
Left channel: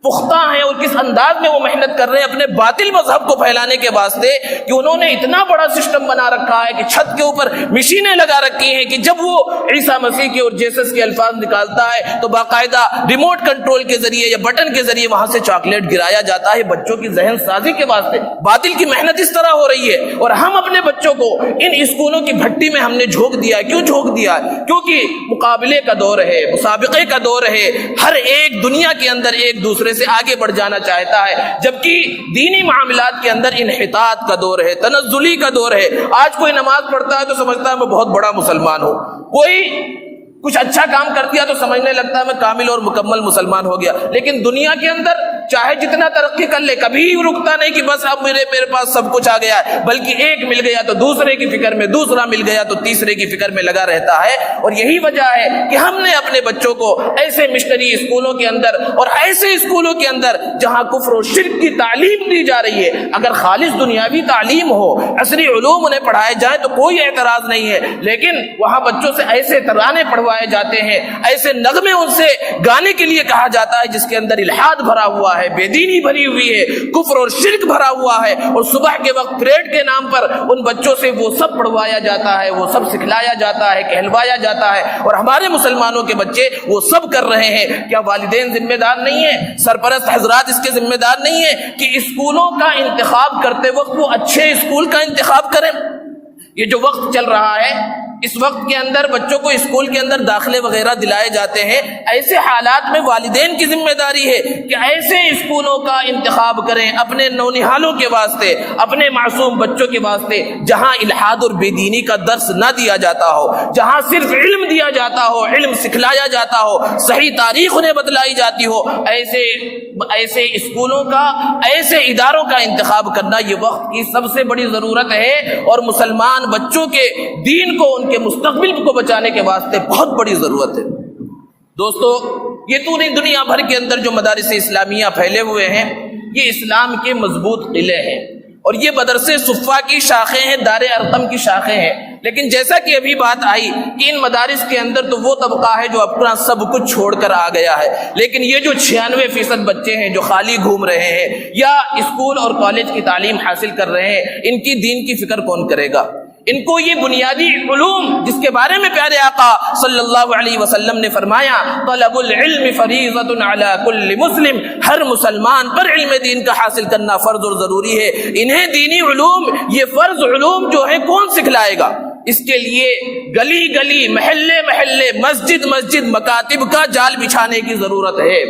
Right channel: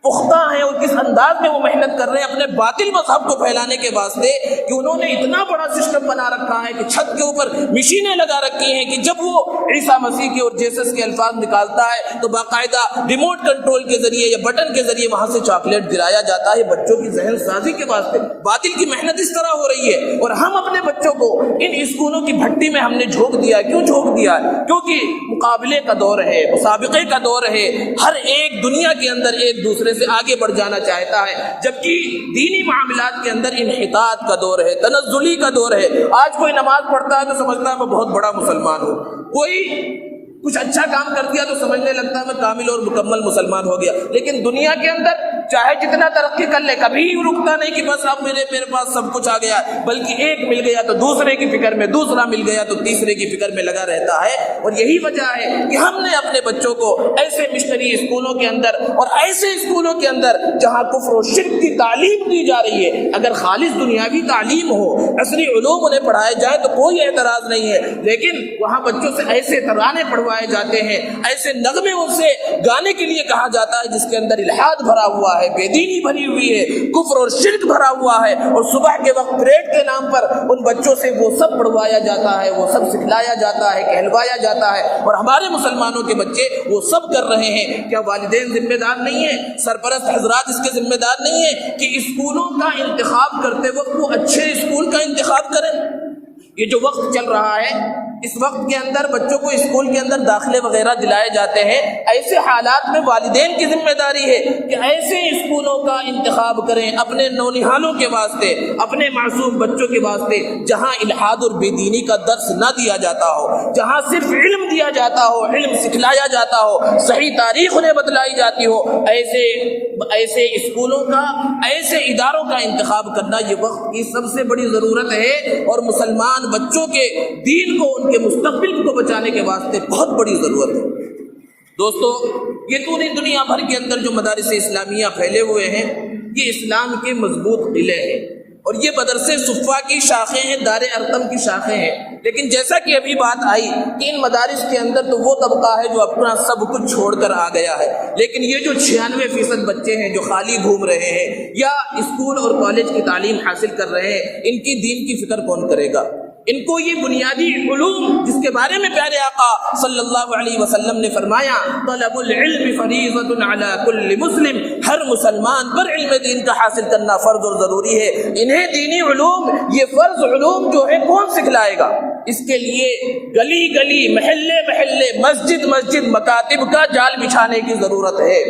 پختہ ہیں اور کس انداز میں وہ محنت کر رہے ہیں اپنے باطل مذہب کو پھیلانے کے واسطے، کہ انہوں نے اتنا بڑا سسٹم بنا رکھا ہے کہ چھت کے اوپر مشینیں لگا رکھی ہیں کہ جب وہ عیسیٰ مسیح کے اور جیسس کے الفاظ نکالتا ہے تو باقاعدہ ریموٹ کنٹرول کے ذریعے یا بٹن کے ذریعے وہاں سے چاکلیٹ گرایا جاتا ہے بچوں کی ذہن سازی کے واسطے۔ باطل کی محنت اس طرح ہو رہی ہے، اور ہم اپنے بچوں کو ان اسکولوں کی بھٹی میں ہم نے جھونک دیا ہے۔ کیوں جھونک دیا ہے؟ کیونکہ مقابلے کا دور ہے، مسابقے کا دور ہے، ہر ایک دنیا کے اندر ایک دوسرے سے آگے بڑھ جانا چاہتا ہے، جبکہ دینی معاملات کے اندر انحطاط کا دور ہے، تنزلی کا دور ہے۔ آج کوئی نماز پڑھتا ہے تو سمجھتا ہے میں بہت بڑا مسلمان ہوں، کوئی کچھ اچھا کام کر دیا تو سمجھنے لگتا ہے میں کامل اور مکمل مسلمان ہو گیا۔ لیکن دنیا کے اندر چاہے جتنا ترقی کر لے، کبھی رکتا نہیں کہ بس اب میرے پاس سب کچھ آ گیا ہے، بلکہ ایک مل گیا تو دوسرے کی فکر میں، دوسرا مل گیا تو تیسرے کی فکر میں لگا رہتا ہے۔ اور یہی وجہ ہے کہ ہم نے اپنے بچوں کو ایسے مشنری اسکولوں کے اندر اور ایسے اسکولوں کے اندر جہاں کفر و شرک کی تعلیم دی جا رہی ہے، اگر خالص دنیاوی تعلیم ہو، عصری علوم انہیں پڑھائے جائیں تو کوئی اعتراض نہیں ہے، لیکن وہاں بچوں سے ایسے ترانے پڑھوائے جاتے ہیں، ایسے نغمے ان سے گانے کے لیے کہا جاتا ہے جس کے اندر الحاد بھرا ہوا ہے، بے دینی بھری ہوئی ہے، کفر اور شرک بھرا ہوا ہے، اور صبح کے وقت پریڈ کے نام پر ان بچوں سے وہ سب پڑھوایا جاتا ہے، وہ سب سکھلایا جاتا ہے، کہلوایا جاتا ہے، اور ہمارے مسلمانوں کے بچے وہ سب کر رہے ہیں۔ کیا والدین ذمہ دار نہیں ہیں؟ سرپرست حضرات اس کے ذمہ دار نہیں ہیں کہ اسکولوں کا انتخاب کرتے وقت وہ اچھے اسکول کا انتخاب کریں؟ یہ جو وقت چل رہا ہے، اس وقت کے اندر بچوں کو اسکول کے اندر داخلے وغیرہ دلائے جاتے ہیں، ایسے حالات میں والدین کی ذمہ داری ہے کہ ایسے اسکولوں کا انتخاب کریں اپنے نونہالوں کے واسطے، اپنے معصوم بچوں کے واسطے، جہاں الحاد اور بے دینی کا درس نہ دیا جاتا ہو، جہاں صرف علم دیا جاتا ہو، علم سکھلایا جاتا ہو، صحیح تاریخ انہیں بتلائی جاتی ہو، ایسے اسکولوں کا، ایسے اداروں کا انتخاب کرنا یہ وقت کی سب سے بڑی ضرورت ہے، اور مسلمان بچوں کے دین کو، ان کے مستقبل کو بچانے کے واسطے بہت بڑی ضرورت ہے۔ دوستو، یہ پوری دنیا بھر کے اندر جو مدارس اسلامیہ پھیلے ہوئے ہیں، یہ اسلام کے مضبوط قلعے ہیں، اور یہ مدرسے صفا کی شاخیں ہیں، دار ارقم کی شاخیں ہیں۔ لیکن جیسا کہ ابھی بات آئی کہ ان مدارس کے اندر تو وہ طبقہ ہے جو اپنا سب کچھ چھوڑ کر آ گیا ہے، لیکن یہ جو 96% بچے ہیں جو خالی گھوم رہے ہیں یا اسکول اور کالج کی تعلیم حاصل کر رہے ہیں، ان کی دین کی فکر کون کرے گا؟ ان کو یہ بنیادی علوم جس کے بارے میں پیارے آقا صلی اللہ علیہ وسلم نے فرمایا طلب العلم فریضۃ علی کل مسلم، ہر مسلمان پر علم دین کا حاصل کرنا فرض اور ضروری ہے۔ انہیں دینی علوم، یہ فرض علوم جو ہے کون سکھلائے گا؟ اس کے لیے گلی گلی، محلے محلے، مسجد مسجد، مکاتب کا جال بچھانے کی ضرورت ہے۔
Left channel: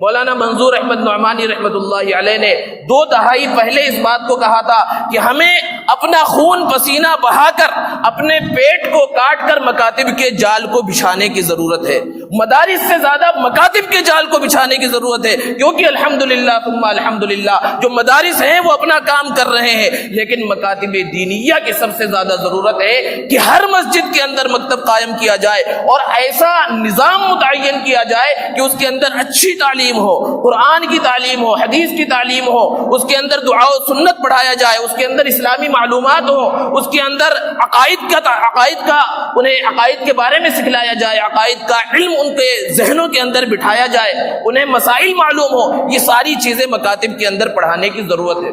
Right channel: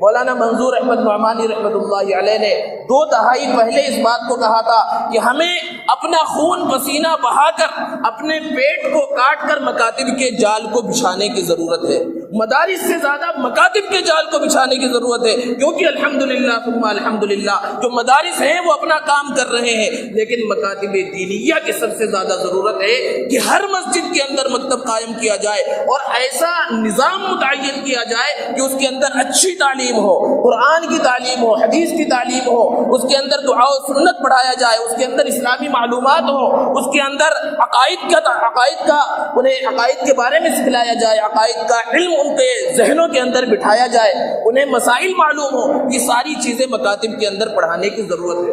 مولانا منظور احمد نعمانی رحمۃ اللہ علیہ نے 2 دہائی پہلے اس بات کو کہا تھا کہ ہمیں اپنا خون پسینہ بہا کر، اپنے پیٹ کو کاٹ کر مکاتب کے جال کو بچھانے کی ضرورت ہے۔ مدارس سے زیادہ مکاتب کے جال کو بچھانے کی ضرورت ہے، کیونکہ الحمدللہ ثم الحمدللہ جو مدارس ہیں وہ اپنا کام کر رہے ہیں، لیکن مکاتب دینیہ کی سب سے زیادہ ضرورت ہے کہ ہر مسجد کے اندر مکتب قائم کیا جائے، اور ایسا نظام متعین کیا جائے کہ اس کے اندر اچھی تعلیم ہو، قرآن کی تعلیم ہو، حدیث کی تعلیم ہو، اس کے اندر دعا و سنت پڑھایا جائے، اس کے اندر اسلامی معلومات ہو، اس کے اندر انہیں عقائد کے بارے میں سکھلایا جائے، عقائد کا علم ان کے ذہنوں کے اندر بٹھایا جائے، انہیں مسائل معلوم ہو۔ یہ ساری چیزیں مکاتب کے اندر پڑھانے کی ضرورت ہے۔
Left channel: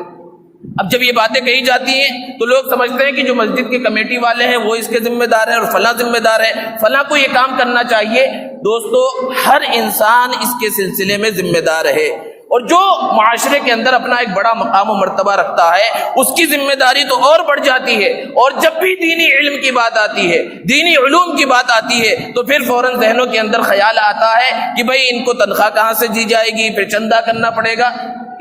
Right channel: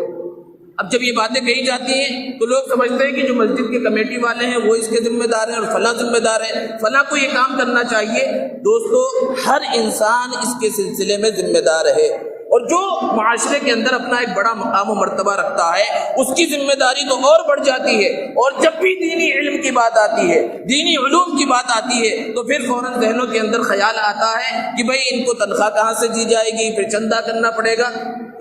اب جب یہ باتیں کہی جاتی ہیں تو لوگ سمجھتے ہیں کہ جو مسجد کے کمیٹی والے ہیں وہ اس کے ذمہ دار ہیں، اور فلاں ذمہ دار ہے، فلاں کو یہ کام کرنا چاہیے۔ دوستو، ہر انسان اس کے سلسلے میں ذمہ دار ہے، اور جو معاشرے کے اندر اپنا ایک بڑا مقام و مرتبہ رکھتا ہے اس کی ذمہ داری تو اور بڑھ جاتی ہے۔ اور جب بھی دینی علم کی بات آتی ہے، دینی علوم کی بات آتی ہے، تو پھر فوراً ذہنوں کے اندر خیال آتا ہے کہ بھئی ان کو تنخواہ کہاں سے دی جائے گی، پھر چندہ کرنا پڑے گا۔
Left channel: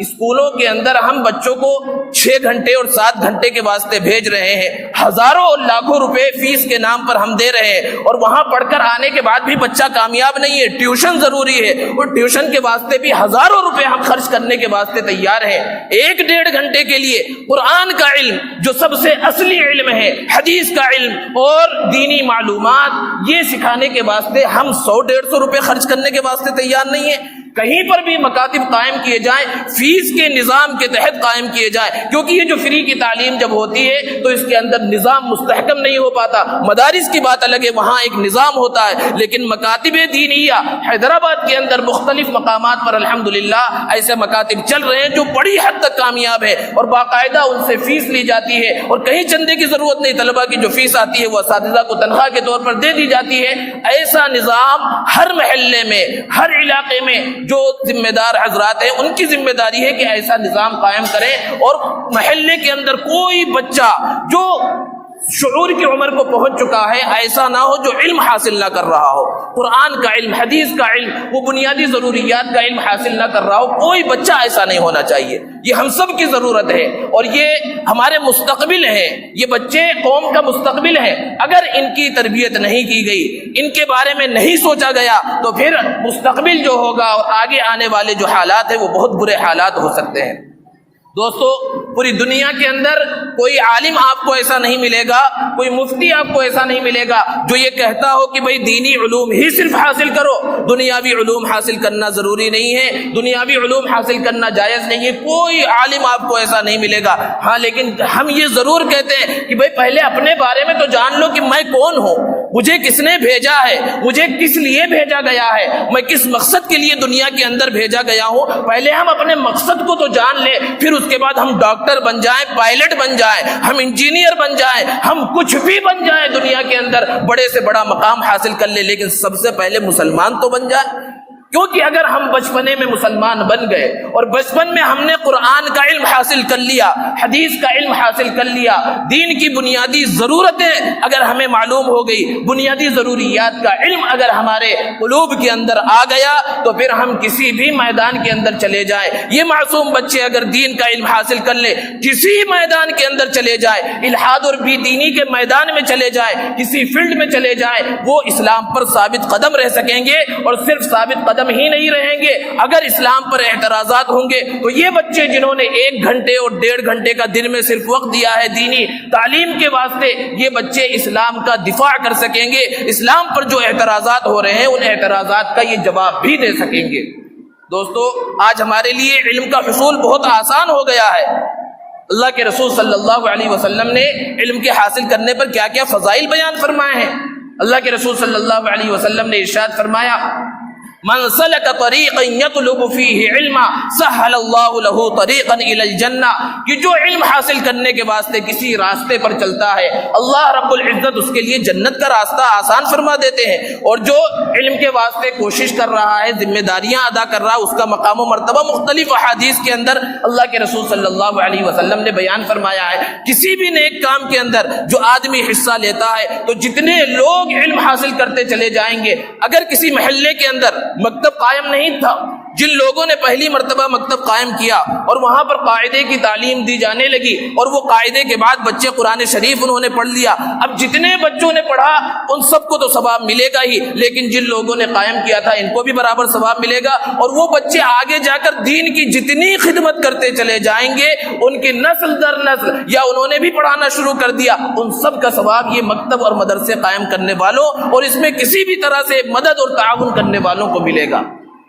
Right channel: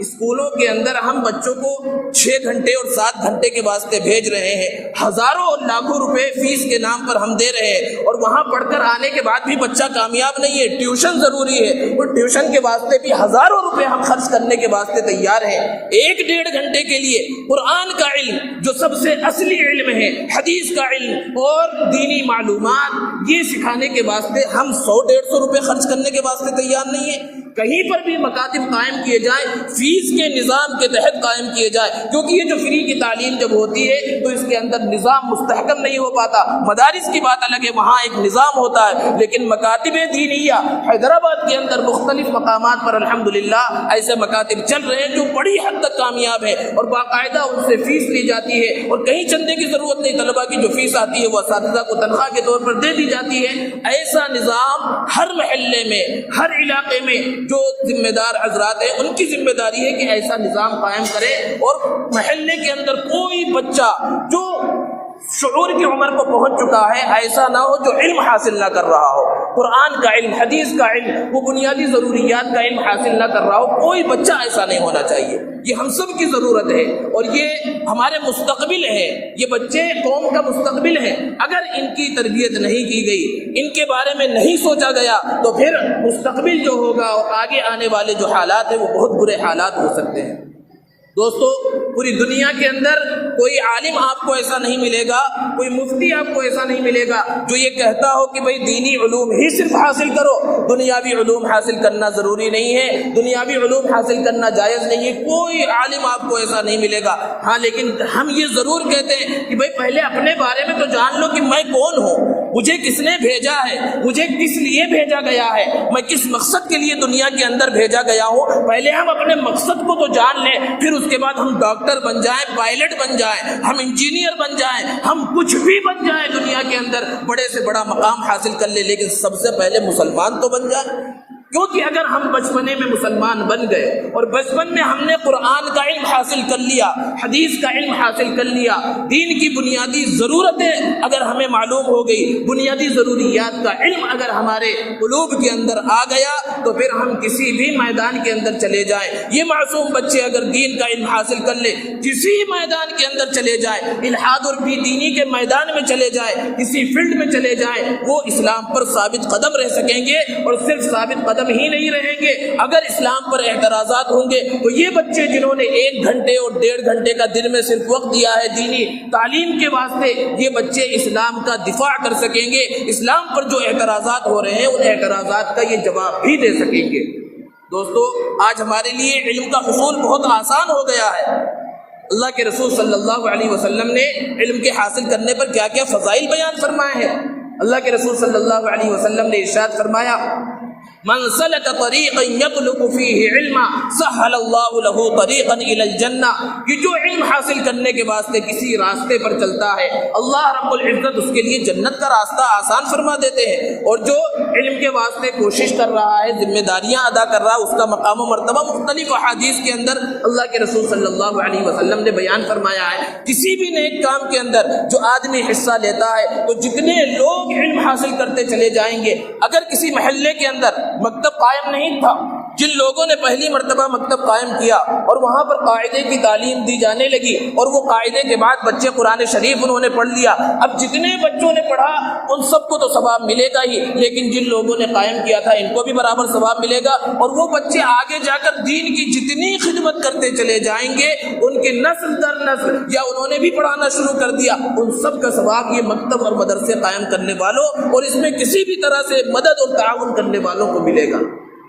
اسکولوں کے اندر ہم بچوں کو 6 گھنٹے اور 7 گھنٹے کے واسطے بھیج رہے ہیں، ہزاروں اور لاکھوں روپے فیس کے نام پر ہم دے رہے ہیں، اور وہاں پڑھ کر آنے کے بعد بھی بچہ کامیاب نہیں ہے۔ ٹیوشن ضروری ہے، اور ٹیوشن کے واسطے بھی ہزاروں روپے ہم خرچ کرنے کے واسطے تیار ہیں۔ 1-1.5 گھنٹے کے لیے قرآن کا علم جو سب سے اصلی علم ہے، حدیث کا علم اور دینی معلومات، یہ سکھانے کے واسطے ہم 100-150 روپے خرچ کرنے کے واسطے تیار نہیں ہیں۔ کہیں پر بھی مکاتب قائم کیے جائیں، فیس کے نظام کے تحت قائم کیے جائیں، کیونکہ یہ جو فری کی تعلیم جب ہوتی ہے تو اس کے اندر نظام مستحکم نہیں ہو پاتا۔ مدارس کی بات الگ ہے، وہاں ایک نظام ہوتا ہے، لیکن مکاتب دینیہ حیدرآباد کے اندر مختلف مقامات پر الحمدللہ ایسے مکاتب چل رہے ہیں جو بڑی حد تک کامیاب ہے، اور باقاعدہ ان سے فیس لی جاتی ہے، اور کہیں چندے کی ضرورت نہیں، طلبہ کی جو فیس آتی ہے وہ اساتذہ کو تنخواہ کے طور پر دے دی جاتی ہے۔ ایسا نظام ہر محلے میں، ہر علاقے میں جو ذمہ دار حضرات ہیں ان کی ذمہ داری ہے کہ ایسا نظام قائم کریں، اور محلے کے اندر کوئی بچہ جو شعور کی عمر کو پہنچ چکا ہے ایسا نہ ہو جو علم حاصل نہ کر رہا ہو، قرآن کا علم، حدیث کا علم، وہ بنیادی ضروریات کا علم حاصل نہ کر رہا ہو، کوئی بچہ ایسا نہیں ہونا چاہیے۔ یہ ہم سب کی ضرورت ہے، اور یہ ہمارے مستقبل ہے، یہ بچے قوم کا مستقبل ہے۔ اگر ان کی تربیت نہیں کی گئی، ان کے بارے میں نہیں سوچا گیا، تو پھر مستقبل جو ہوگا اور آگے آنے والے جو حالات ہیں وہ بہت برے حالات ہو سکتے ہیں۔ دوستو، پوری دنیا کے اندر کوئی عالم آپ کو ایسا نہیں ملے گا، کوئی مفتی آپ کو ایسا نہیں ملے گا جو یہ کہتا ہو کہ بھئی دینی علوم ہی صرف حاصل کرو، دنیاوی علوم حاصل کرنا ضروری نہیں ہے، دنیاوی علوم حاصل کرنا جائز نہیں ہے۔ کوئی عالم آپ کو ایسا نہیں ملے گا۔ ہاں، لیکن ہم یہ ضرور کہتے ہیں کہ بھئی پہلے اپنے بارے میں تو جان لو کہ میں کون ہوں، مجھے کس نے بھیجا ہے، مجھے کس لیے بھیجا گیا ہے، میں کس مقصد کے لیے دنیا کے اندر بھیجا گیا ہوں۔ پہلے ہم اپنے مقصد کو تو جان لیں، پھر اس کے بعد ہم ڈاکٹر بن جائیں، پائلٹ بن جائیں، ہم انجینئر بن جائیں، ہم کچھ بھی بن جائیں دنیا کے اندر، بڑے سے بڑا مقام حاصل کر لیں، لیکن سب سے پہلے مسلمان تو بن جائیں۔ کیونکہ اگر ہم بچپنے میں مسلمان بن گئے اور بچپن میں ہم نے قرآن کا علم حاصل کر لیا، حدیث کا علم حاصل کر لیا، دین کی بنیادی ضرورتیں اگر ہمیں معلوم ہو گئی، بنیادی ضروریات کا علم اگر ہمارے قلوب کے اندر آ گیا، تو پھر ہم کسی بھی میدان کے اندر چلے جائیں۔ یہ معصوم بچے اگر دین کا علم حاصل کر لیں، کسی میدان کے اندر چلے جائیں، الحاد اور بی دینی کے میدان میں چلے جائیں، کسی فیلڈ میں چلے جائیں، وہ اسلام پر ثابت قدم رہ سکیں گے، اور صرف ثابت قدم ہی نہیں رہیں گے، اگر اسلام پر اعتراضات ہوں گے تو یہ بچے جنہوں نے 1 گھنٹے اور 1.5 گھنٹے کا دن میں صرف وقت دیا ہے دینی تعلیم کے واسطے، یہ بچے اسلام کا دفاع کر سکیں گے، اسلام پر جو اعتراضات ہو رہے ہیں ان اعتراضات کا یہ جواب بھی دے سکیں گے۔ دوستو، آج ہمارے لیے علم کا حصول بہت آسان ہو گیا ہے۔ اللہ کے رسول صلی اللہ علیہ وسلم نے علم کے حاصل کرنے پر کیا کیا فضائل بیان فرمائے ہیں۔ اللہ کے رسول صلی اللہ علیہ وسلم نے ارشاد فرمایا، من سلک طریقا یطلب فیہ علما سہل اللہ لہ طریقا الی الجنہ، کہ جو علم حاصل کرنے کے واسطے کسی راستے پر چلتا ہے اللہ رب العزت اس کے لیے جنت کا راستہ آسان فرما دیتے ہیں، اور جو علم کے واسطے کوشش کر رہا ہے، ذمہ داریاں ادا کر رہا ہے، اس کا مقام و مرتبہ مختلف احادیث کے اندر اللہ کے رسول صلی اللہ علیہ وسلم نے بیان فرمایا ہے۔ کسی بھی نیک کام کے اندر جو آدمی حصہ لیتا ہے تو جتنے لوگ علم حاصل کرتے چلے جائیں گے، اگر کسی محلے کے اندر مکتب قائم نہیں تھا، جن لوگوں نے پہلی مرتبہ مکتب قائم کیا اور وہاں پر قاعدے کی تعلیم دی جانے لگی، اور وہ قاعدے کے بعد بچے قرآن شریف انہوں نے پڑھ لیا، اب جتنے بچوں نے پڑھا ان سب کو تو ثواب ملے گا ہی، لیکن جن لوگوں نے قائم کیا تھا ان کو بھی برابر ثواب ملے گا، اور وہ بچے آگے جا کر دین کی جتنی خدمت کرتے چلے جائیں گے، ان کے نسل در نسل یا انہوں نے بھی پڑھانا شروع کر دیا، ان سب کا ثواب یہ مکتب اور مدرسے قائم کرنے والوں اور اس میں کسی بھی طرح سے مدد اور تعاون کرنے والوں کو ملے گا۔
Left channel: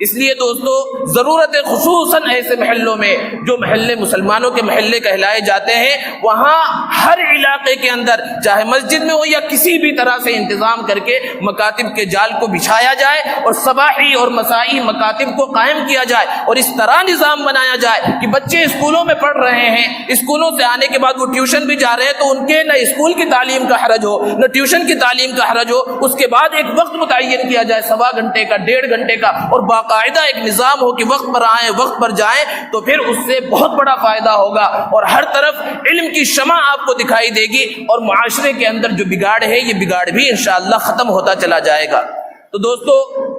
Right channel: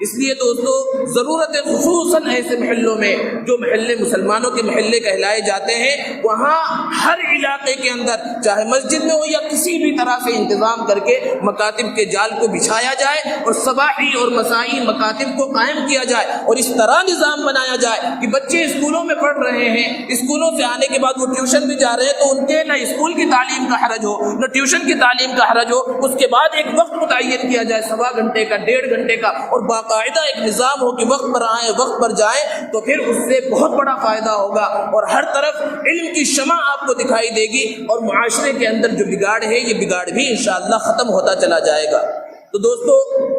اس لیے دوستو، ضرورت ہے خصوصاً ایسے محلوں میں جو محلے مسلمانوں کے محلے کہلائے جاتے ہیں، وہاں ہر علاقے کے اندر چاہے مسجد میں ہو یا کسی بھی طرح سے انتظام کر کے مکاتب کے جال کو بچھایا جائے اور صباحی اور مسائی مکاتب کو قائم کیا جائے، اور اس طرح نظام بنایا جائے کہ بچے اسکولوں میں پڑھ رہے ہیں، اسکولوں سے آنے کے بعد وہ ٹیوشن بھی جا رہے ہیں، تو ان کے نہ اسکول کی تعلیم کا حرج ہو نہ ٹیوشن کی تعلیم کا حرج ہو، اس کے بعد ایک وقت متعین کیا جائے 1.25 گھنٹے کا، 1.5 گھنٹے کا، اور باقاعدہ ایک نظام ہو کہ وقت پر آئیں وقت پر جائیں، تو پھر اس سے بہت بڑا فائدہ ہوگا، اور ہر طرف علم کی شمع آپ کو دکھائی دے گی، اور معاشرے کے اندر جو بگاڑ ہے یہ بگاڑ بھی انشاءاللہ ختم ہوتا چلا جائے گا۔ تو دوستو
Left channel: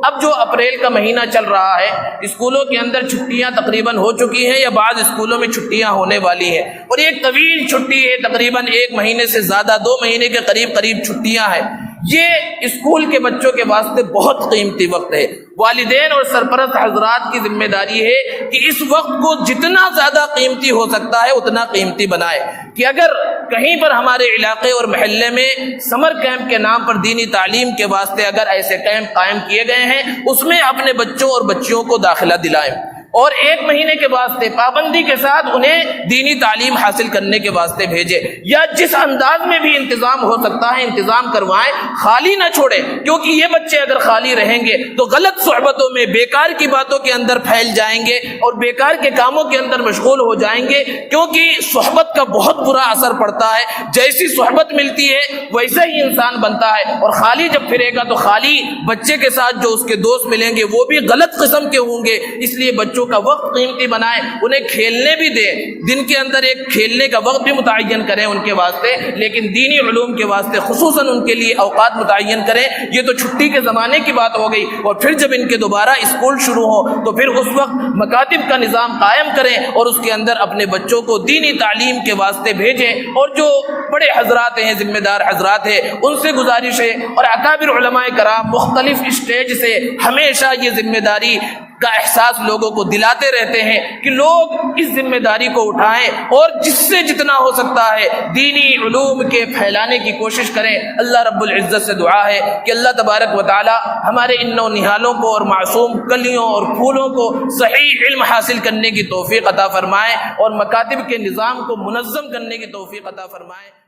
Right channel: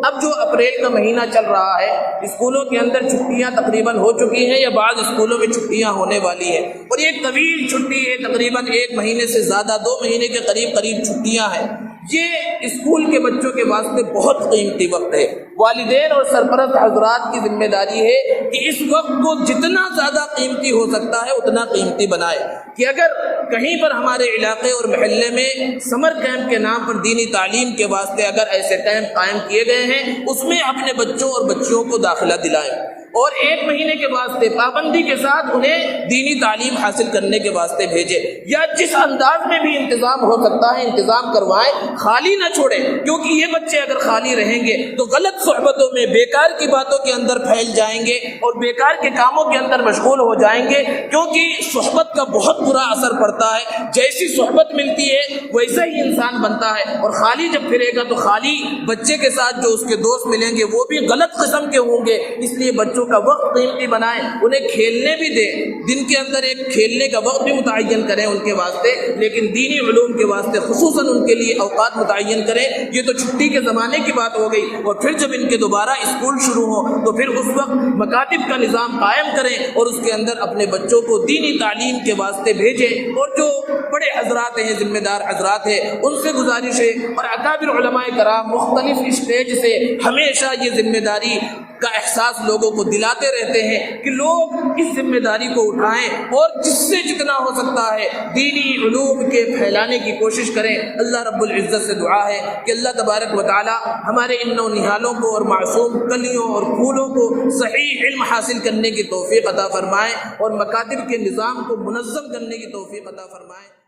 اب جو اپریل کا مہینہ چل رہا ہے، اسکولوں کے اندر چھٹیاں تقریباً ہو چکی ہیں یا بعض اسکولوں میں چھٹیاں ہونے والی ہیں، اور یہ ایک طویل چھٹی ہے، تقریباً 1 مہینے سے زیادہ، 2 مہینے کے قریب چھٹیاں ہیں۔ یہ اسکول کے بچوں کے واسطے بہت قیمتی وقت ہے۔ والدین اور سرپرست حضرات کی ذمہ داری ہے کہ اس وقت کو جتنا زیادہ قیمتی ہو سکتا ہے اتنا قیمتی بنائے، کہ اگر کہیں پر ہمارے علاقے اور محلے میں سمر کیمپ کے نام پر دینی تعلیم کے واسطے اگر ایسے کیمپ قائم کیے گئے ہیں، اس میں اپنے بچوں اور بچیوں کو داخلہ دلائیں، اور 1 مہینے کے واسطے پابندی کے ساتھ انہیں دینی تعلیم حاصل کرنے کے واسطے بھیجے، یا جس انداز میں بھی انتظام ہو سکتا ہے انتظام کروائیں، خالی نہ چھوڑیں، کیونکہ یہ بچے اگر خالی رہیں گے تو غلط صحبتوں میں، بیکار کی باتوں کے اندر پھیل جائیں گے اور بیکار کے کاموں کے اندر مشغول ہو جائیں گے، کیونکہ صحبت کا بہت برا اثر پڑتا ہے۔ جیسی صحبت ملتی ہے ویسا ہی انسان بنتا ہے، اور خالی جب پھرے گا تو خالی بچے کے ساتھ جو اس کے دوست ملیں گے وہ بھی غلط قسم کے ہوں گے۔ اس لیے بچوں کا وقت قیمتی بنائیں، انہیں کھیلنے بھی دیں، دن کے اندر ایک کھیلنے کا وقت بھی متعین کریں ان کے واسطے، لیکن دینی علوم کے واسطے خصوصاً ان کے لیے اوقات متعین کریں۔ یہ تو چھٹی کے زمانے کی بات ہو گئی، اور پھر جب ان کے دوبارہ اسکول شروع ہو تو پھر اس وقت مکاتب کا نظام قائم کریں اور اس کے اندر اپنے بچوں کو دینی تعلیم کے واسطے بھیجیں۔ اور جو بڑے حضرات ہیں، ذمہ دار حضرات ہیں، ان سے گزارش ہے، اور اکابر علماء کرام مختلف اسٹیج سے ہمیشہ یہ ذمہ داری کا احساس لوگوں کو دلاتے رہتے ہیں کہ لوگ اس ذمہ داری کو اٹھائیں اور جس سے جتنا ہو سکتا ہے دینی علوم کے پھیلانے کی کوشش کریں۔ اللہ رب العزت سے دعا ہے کہ اللہ تبارک و تعالی ہمارے ان نونہالوں کو اور معصوم کلیوں اور پھولوں کو صحیح علم حاصل کرنے کی توفیق عطا فرمائے، اور مکاتب کے نظام کو منظم کرنے کی توفیق عطا فرمائے۔